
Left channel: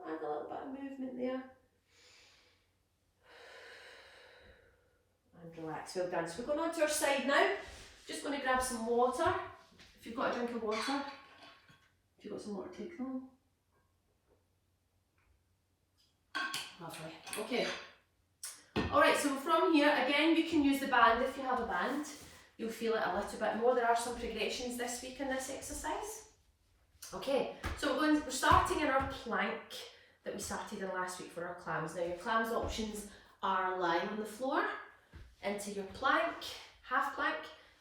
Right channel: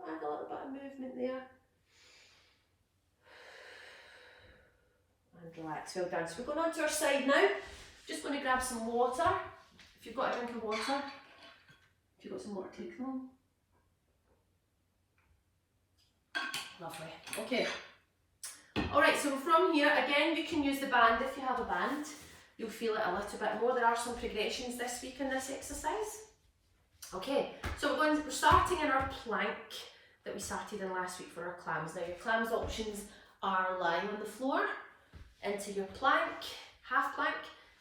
Add a little bit of movement there. And relax, well done. So we're going on to our side now. Just going to grab some water. If you've got a drink of water, if you've got some water, take them. Lovely. Okay. All right, so from here, again, you can use the band if you have a band. You'll feel it a little bit more. There are some progressions this week in this exercise. Okay, so we're starting in our plank that we started in last week for our clams. Now your clams options are lying on the floor, into your plank, half plank,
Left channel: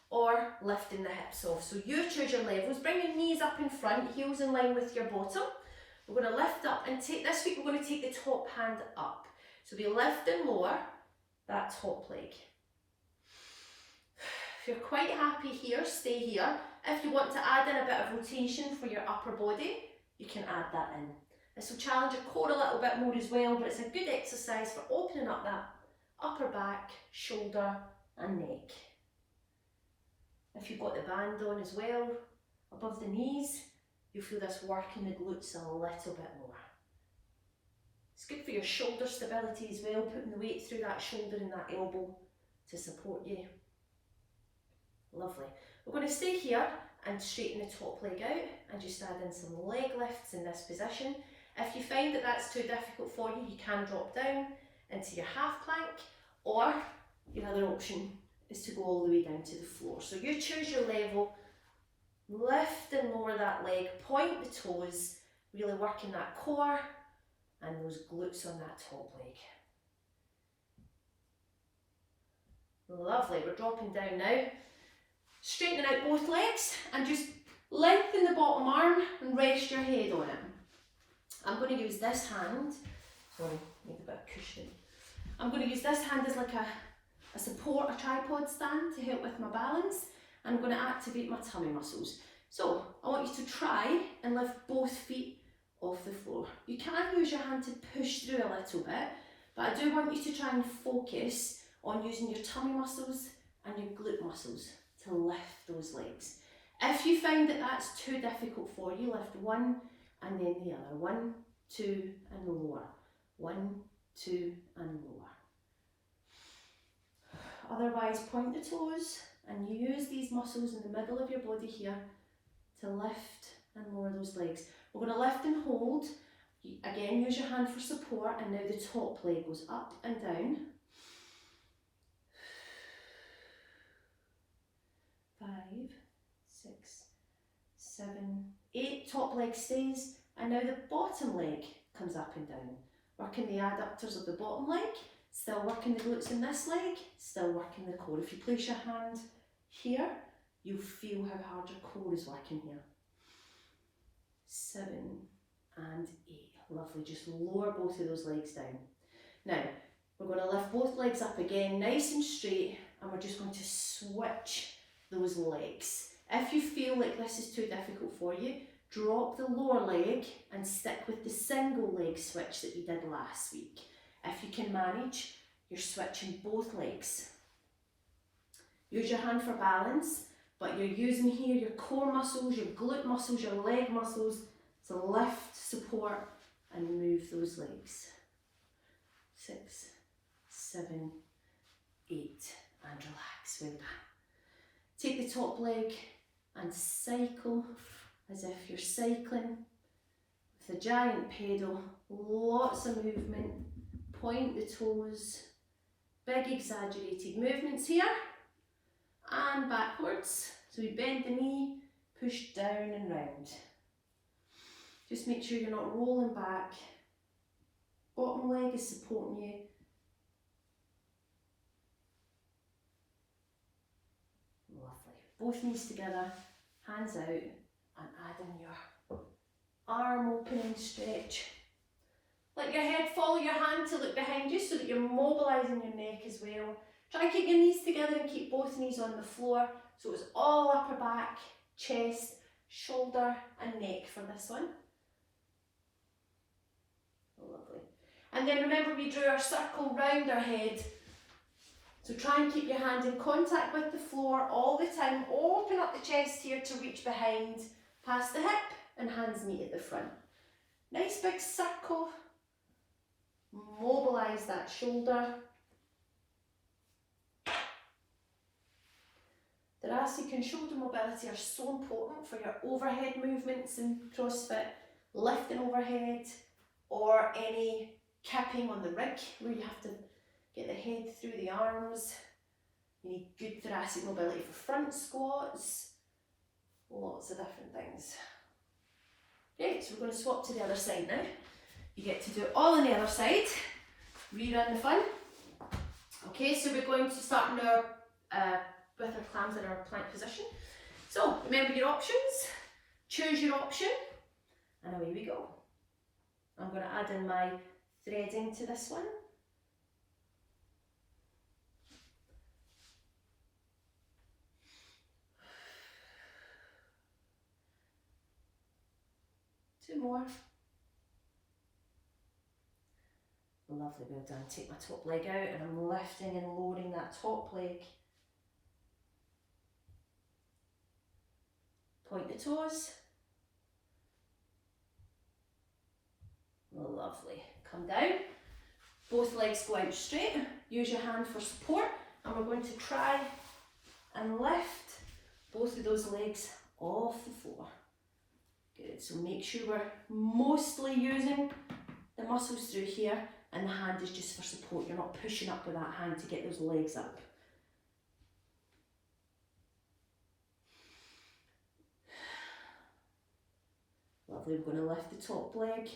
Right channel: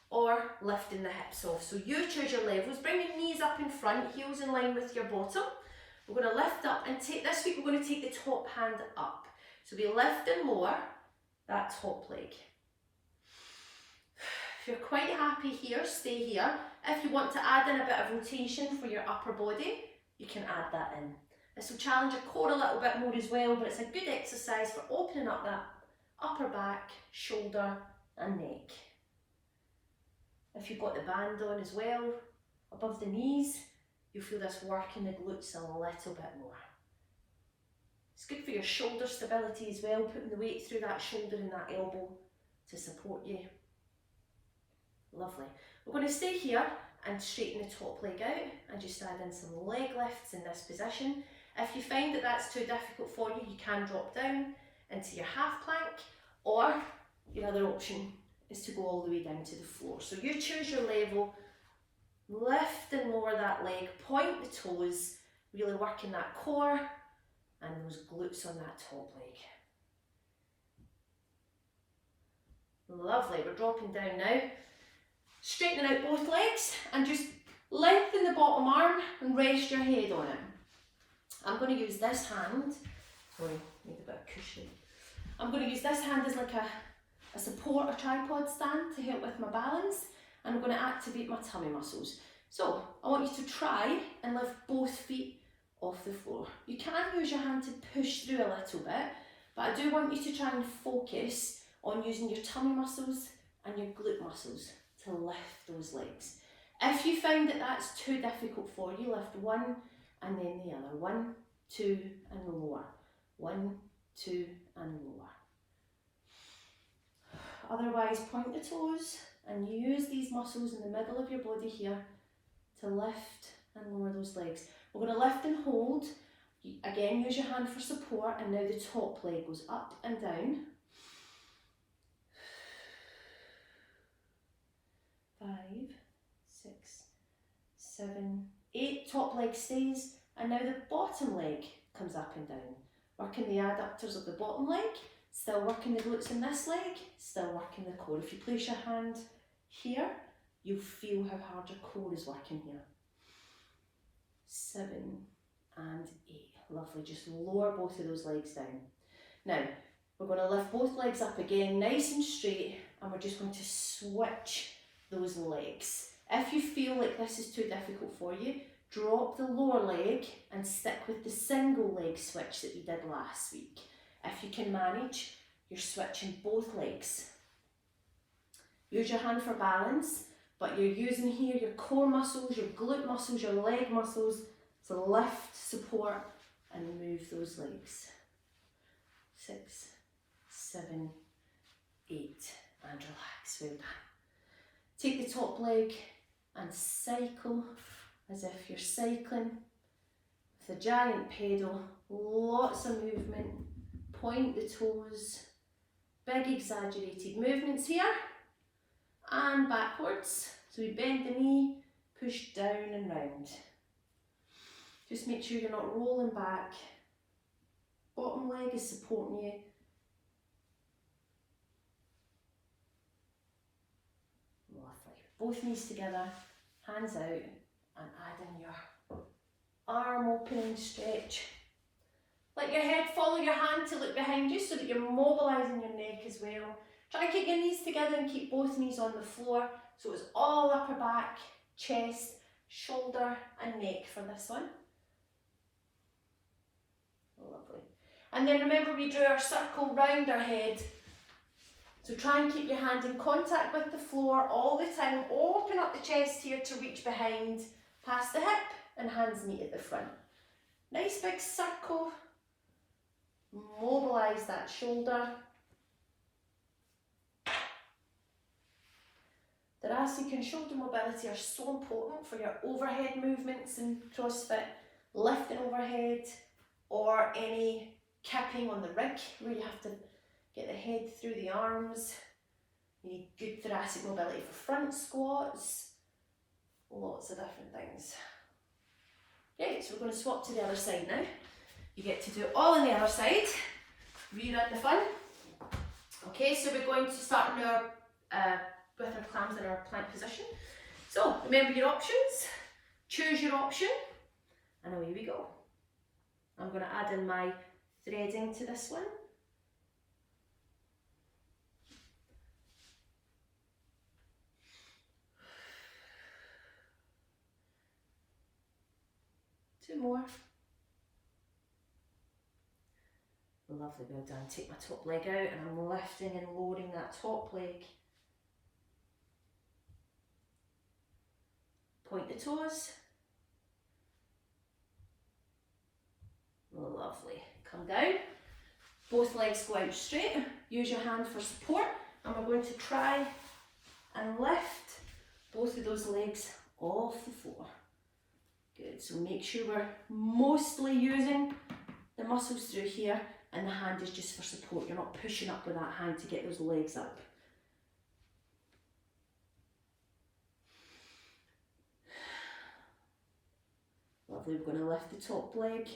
or lifting the hips off. So you choose your levels. Bring your knees up in front, heels in line with your bottom. We're going to lift up and take, this week we're going to take the top hand up. So we lift and lower that top leg. If you're quite happy here, stay here. If you want to add in a bit of rotation for your upper body, you can add that in. This will challenge your core a little bit more as well, but it's a good exercise for opening up that upper back, shoulder and neck. If you've got the band on as well, above the knees, you'll feel this working the glutes a little bit more. It's good for your shoulder stability as well, putting the weight through that shoulder and that elbow to support you. Lovely. We're going to stay here and straighten the top leg out and just add in some leg lifts in this position. If you find that that's too difficult for you, you can drop down into your half plank, or your other option is to go all the way down to the floor. So you choose your level, lift and lower that leg, point the toes, really working that core and those glutes on that top leg. Lovely, we're dropping down now. Straightening out both legs and just lengthen the bottom arm and rest your head on it. I'm going to use this hand, sorry, need a bit of cushion. I'm going to use this hand as like a support, a tripod stand to help with my balance, and I'm going to activate my tummy muscles. So I want you to try and lift both feet off the floor. You can use your hand to push through a little bit, but I do want you to try and focus on using your tummy muscles and your glute muscles to lift those legs. If you find that that's too difficult for you, lift one and then the other. 1, 2 and lower. 1, 2 and lower. Otherwise, point the toes and use these muscles in the middle of your body here to lift and lower those legs. We're going to lift and hold. Again, use your hand for support, and now the top leg goes up and down. 5, 6, 7, 8. Top leg stays, and now the bottom leg comes up and down. Working the adductors of the bottom leg, still working the glutes in this leg, still working the core. If you place your hand here, you'll feel how hard your core is working here. 7 and 8. Lovely, just lower both of those legs down. Now, we're going to lift both legs up again, nice and straight, and we're just going to switch those legs. If you feel like this is too difficult for you, drop the lower leg and stick with the single leg switch that you did last week. If you can manage, you're switching both legs. Use your hand for balance, but you're using here your core muscles, your glute muscles, your leg muscles to lift, support and move those legs. 6, 7, 8 and relax. Well done. Take the top leg and cycle as if you're cycling with a giant pedal. Lots of movement. Point the toes. Big exaggerated movements here. And backwards. So we bend the knee, push down and round. Just make sure you're not rolling back. Bottom leg is supporting you. Lovely. Both knees together, hands out, and add in your arm opening stretch. Let your head follow your hand to look behind you so that you're mobilising your neck as well. Try and keep your knees together and keep both knees on the floor. So it's all upper back, chest, shoulder and neck for this one. Lovely. And then remember, we drew our circle round our head. So try and keep your hand in contact with the floor all the time. Open up the chest here to reach behind, past the hip, and hands meet at the front. Nice big circle. Mobilise that shoulder. Thoracic and shoulder mobility are so important for your overhead movements in CrossFit, lifting overhead, or any kipping on the rig, where you have to get the head through the arms. You need good thoracic mobility for front squats. Lots of different things. Right, so we're going to swap to the other side now. You get to do it all on the other side. Rerun the fun. Okay, so we're going to start now with our clams in our plank position. So remember your options, choose your option, and away we go. I'm going to add in my threading to this one. Two more. Lovely, well done. Take my top leg out and I'm lifting and lowering that top leg. Point the toes. Lovely. Come down. Both legs go out straight. Use your hand for support, and we're going to try and lift both of those legs off the floor. Good, so make sure we're mostly using the muscles through here, and the hand is just for support. You're not pushing up with that hand to get those legs up. Lovely, we're going to lift the top leg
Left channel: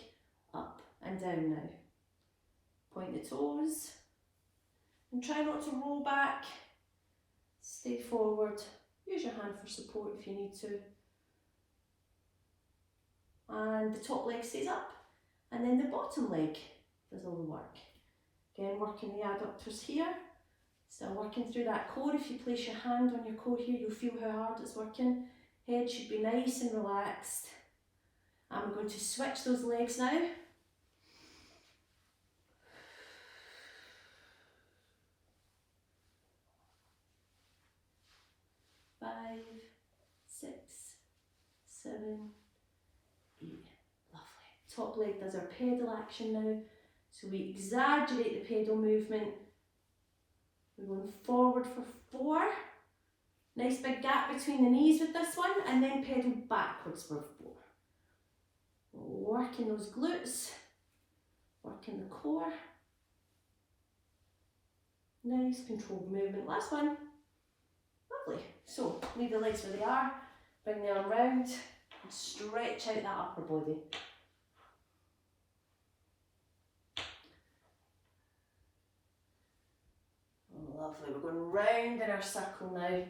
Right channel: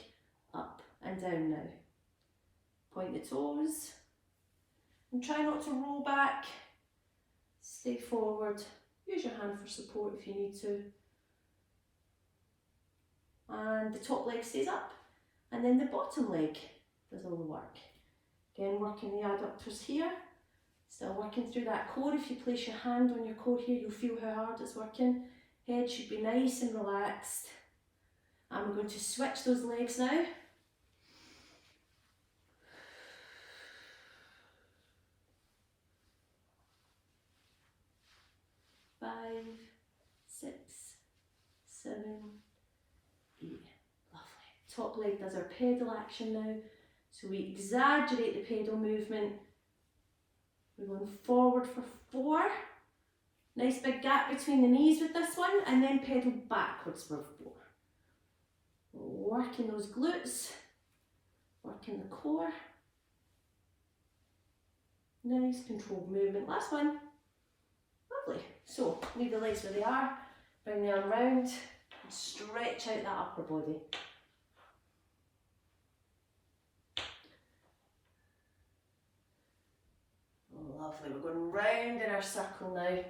up and down now. Point the toes, and try not to roll back. Stay forward. Use your hand for support if you need to. And the top leg stays up, and then the bottom leg does all the work. Again, working the adductors here, still working through that core. If you place your hand on your core here, you'll feel how hard it's working. Head should be nice and relaxed. I'm going to switch those legs now. Five, six, seven, 8. Lovely. Top leg does our pedal action now. So we exaggerate the pedal movement. We're going forward for 4. Nice big gap between the knees with this one, and then pedal backwards for 4. Working those glutes, working the core. Nice controlled movement. Last one. Lovely. So leave the legs where they are, bring the arm round, and stretch out that upper body. Lovely, we're going round in our circle now,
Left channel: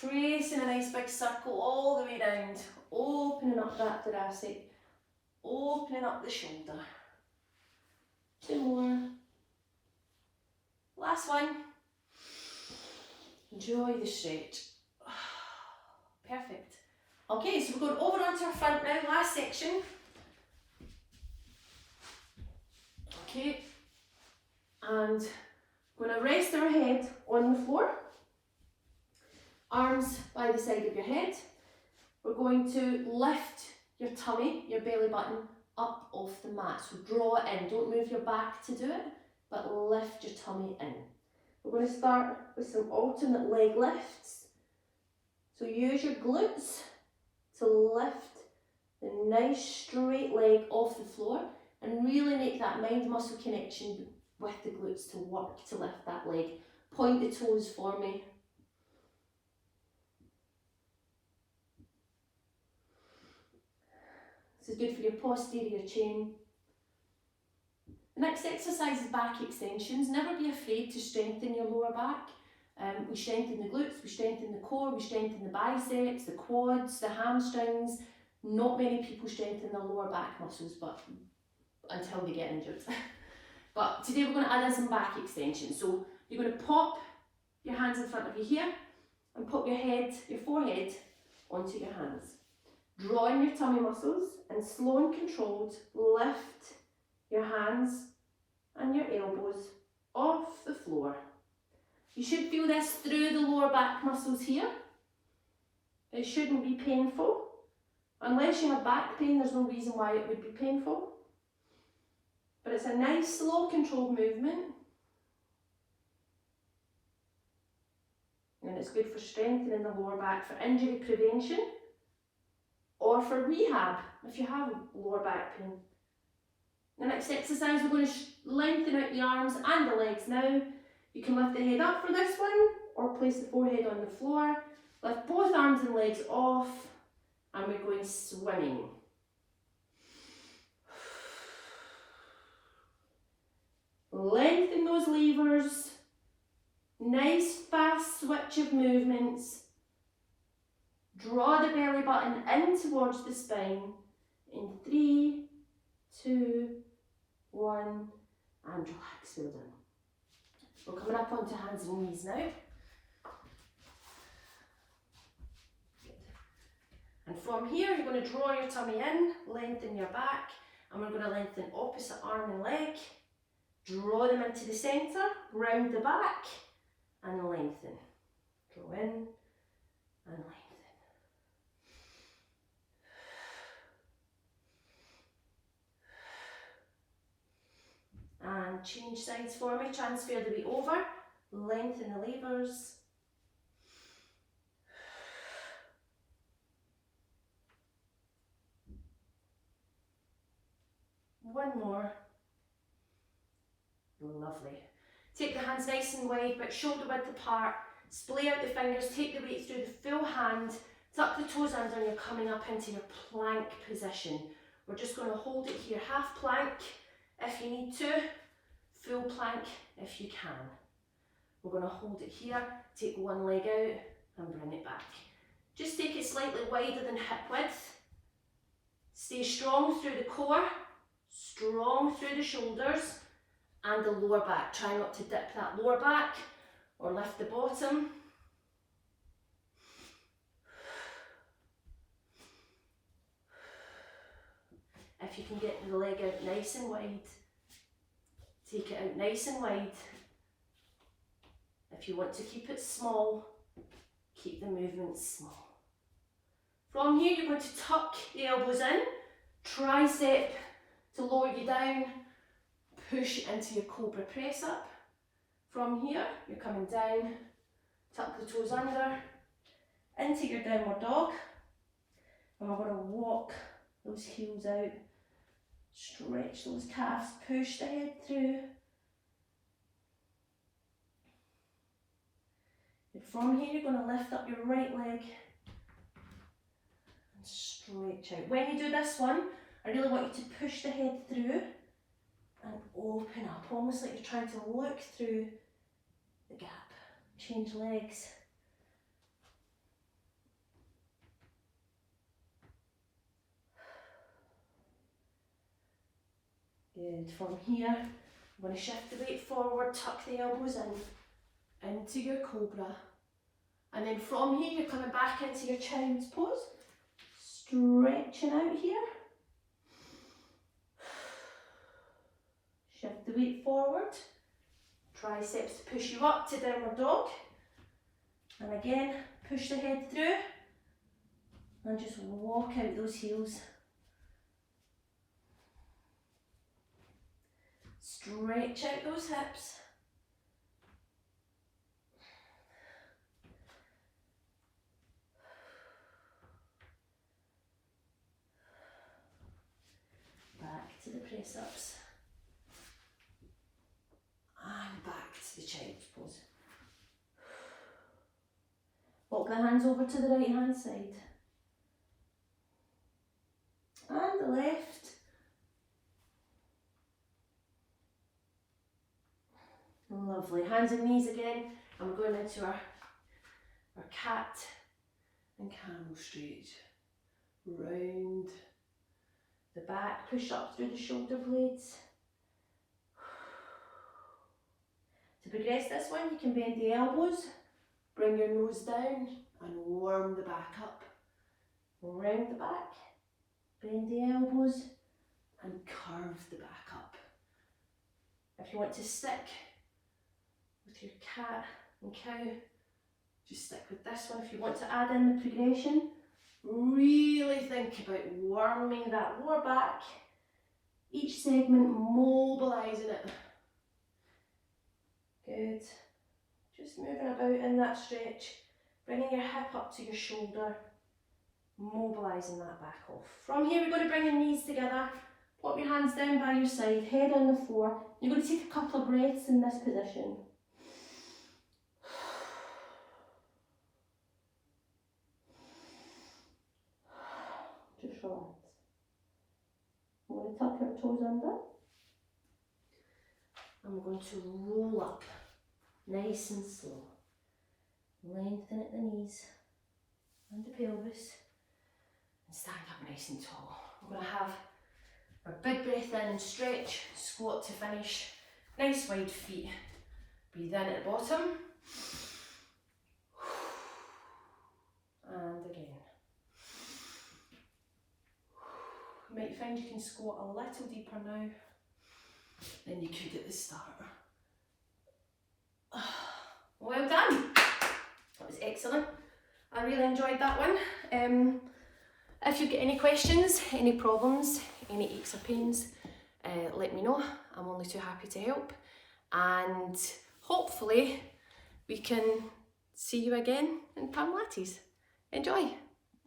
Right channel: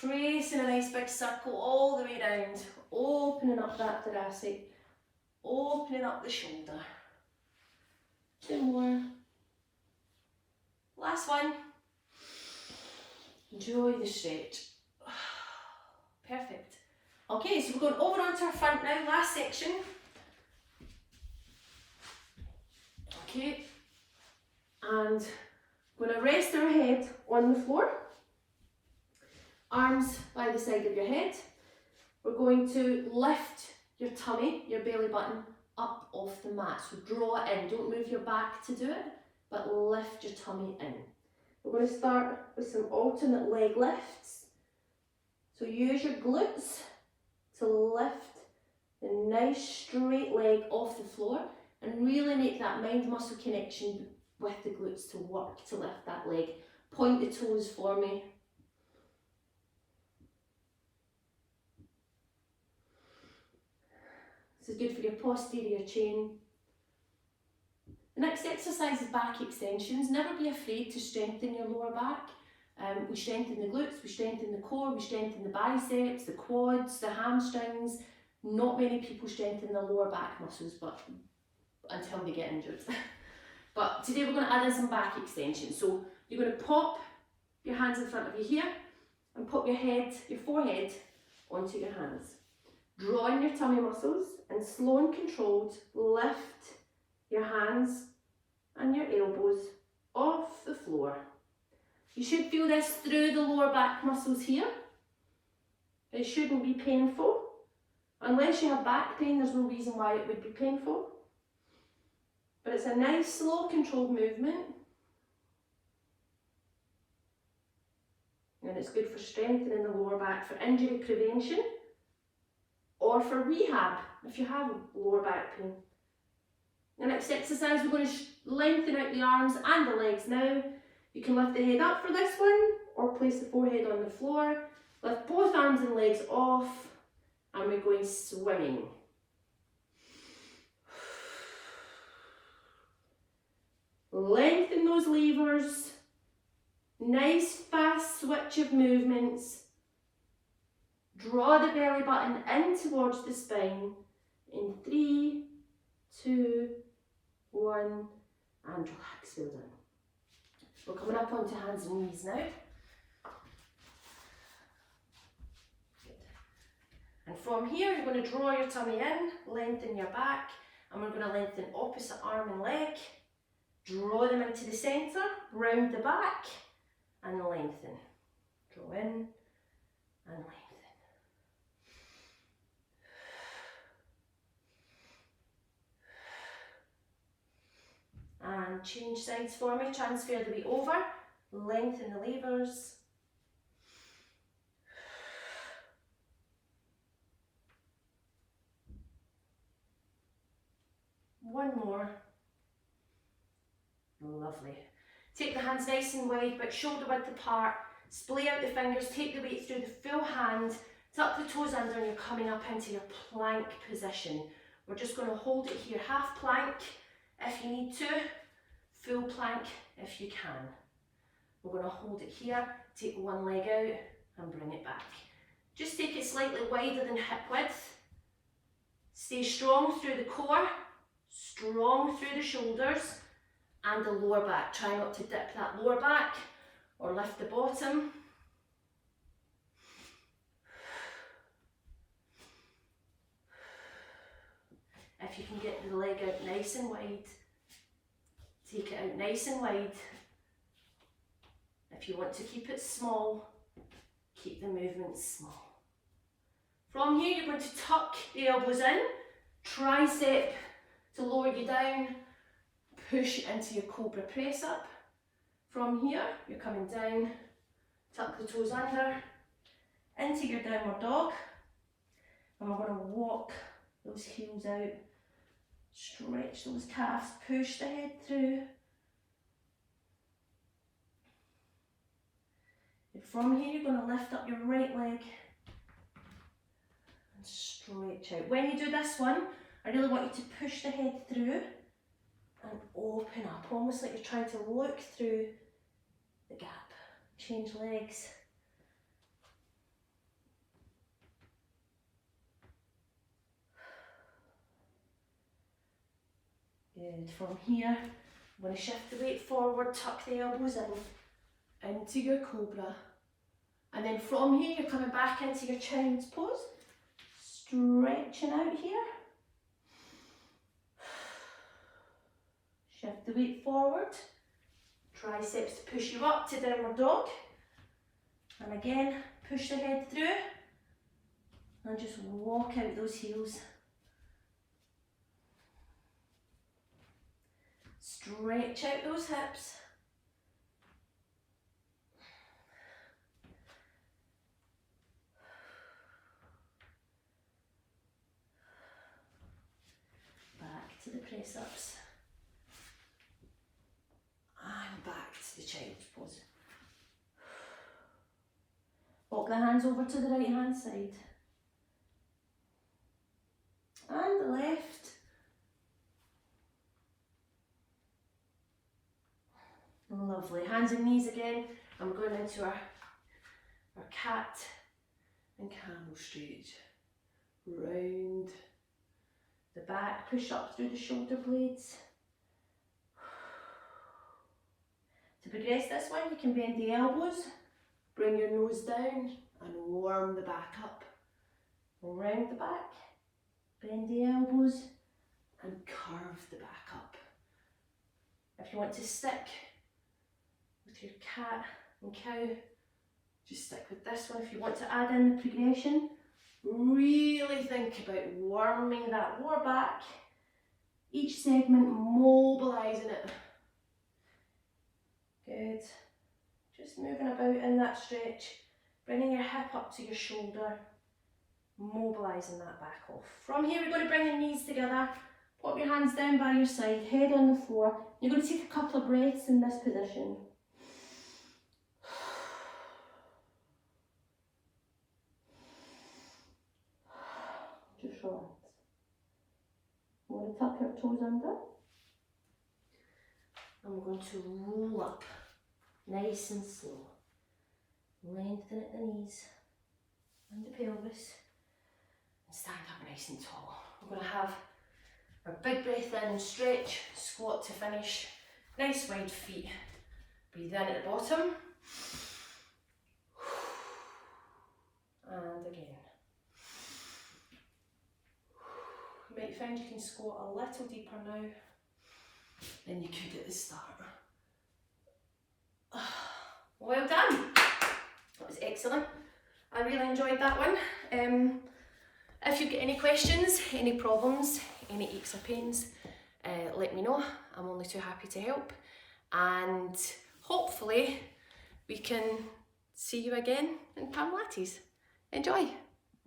tracing a nice big circle all the way round, opening up that thoracic, opening up the shoulder. 2 more. Last one. Enjoy the stretch. Perfect. Okay, so we're going over onto our front now, last section. Okay, and we're going to rest our head on the floor, arms by the side of your head. We're going to lift your tummy, your belly button, up off the mat. So draw it in, don't move your back to do it, but lift your tummy in. We're going to start with some alternate leg lifts. So use your glutes to lift the nice straight leg off the floor and really make that mind muscle connection with the glutes to work to lift that leg. Point the toes for me. This is good for your posterior chain. The next exercise is back extensions. Never be afraid to strengthen your lower back. We strengthen the glutes, we strengthen the core, we strengthen the biceps, the quads, the hamstrings. Not many people strengthen the lower back muscles, but until they get injured. But today we're going to add in some back extensions. So you're going to pop your hands in front of you here and pop your head, your forehead onto your hands. Draw in your tummy muscles and slow and controlled lift your hands and your elbows off the floor. You should feel this through the lower back muscles here. It shouldn't be painful. Unless you have back pain, there's no reason why it would be painful. But it's a nice, slow, controlled movement. And it's good for strengthening the lower back, for injury prevention, or for rehab if you have lower back pain. The next exercise, we're going to lengthen out the arms and the legs now. You can lift the head up for this one or place the forehead on the floor. Lift both arms and legs off and we're going swimming. Lengthen those levers. Nice fast switch of movements. Draw the belly button in towards the spine in 3, 2, 1 and relax, well done. We're coming up onto hands and knees now. Good. And from here you're going to draw your tummy in, lengthen your back, and we're going to lengthen opposite arm and leg. Draw them into the centre, round the back and lengthen. Draw in and lengthen. And change sides for me, transfer the weight over, lengthen the levers. One more. Lovely. Take the hands nice and wide, but shoulder width apart. Splay out the fingers, take the weight through the full hand, tuck the toes under and you're coming up into your plank position. We're just going to hold it here, half plank if you need to, full plank if you can. We're going to hold it here, take one leg out and bring it back. Just take it slightly wider than hip width. Stay strong through the core, strong through the shoulders and the lower back. Try not to dip that lower back or lift the bottom. If you can get the leg out nice and wide, take it out nice and wide. If you want to keep it small, keep the movement small. From here you're going to tuck the elbows in, tricep to lower you down, push into your cobra press up. From here you're coming down, tuck the toes under, into your downward dog, and we're going to walk those heels out, stretch those calves, push the head through. And from here you're going to lift up your right leg and stretch out. When you do this one, I really want you to push the head through and open up, almost like you're trying to look through the gap. Change legs. Good. From here, I'm going to shift the weight forward, tuck the elbows in, into your cobra. And then from here, you're coming back into your child's pose, stretching out here. Shift the weight forward, triceps to push you up to downward dog. And again, push the head through and just walk out those heels. Stretch out those hips. Back to the press ups. And back to the child's pose. Walk the hands over to the right hand side. And the left. Lovely. Hands and knees again. And we're going into our cat and camel stretch. Round the back, push up through the shoulder blades. To progress this one, you can bend the elbows, bring your nose down and warm the back up. Round the back, bend the elbows and curve the back up. If you want to stick with your cat and cow, just stick with this one. If you want to add in the progression, really think about warming that lower back, each segment mobilising it. Good. Just moving about in that stretch, bringing your hip up to your shoulder, mobilising that back off. From here we're going to bring your knees together, Put your hands down by your side, head on the floor. You're going to take a couple of breaths in this position. Just relax. I'm going to tuck our toes under. And we're going to roll up, nice and slow. Lengthen at the knees and the pelvis. And stand up nice and tall. We're going to have our big breath in and stretch, squat to finish. Nice wide feet. Breathe in at the bottom. And again. You might find you can squat a little deeper now than you could at the start. Well done. That was excellent. I really enjoyed that one. If you've got any questions, any problems, any aches or pains, let me know. I'm only too happy to help. And hopefully we can see you again in Pamlattes. Enjoy.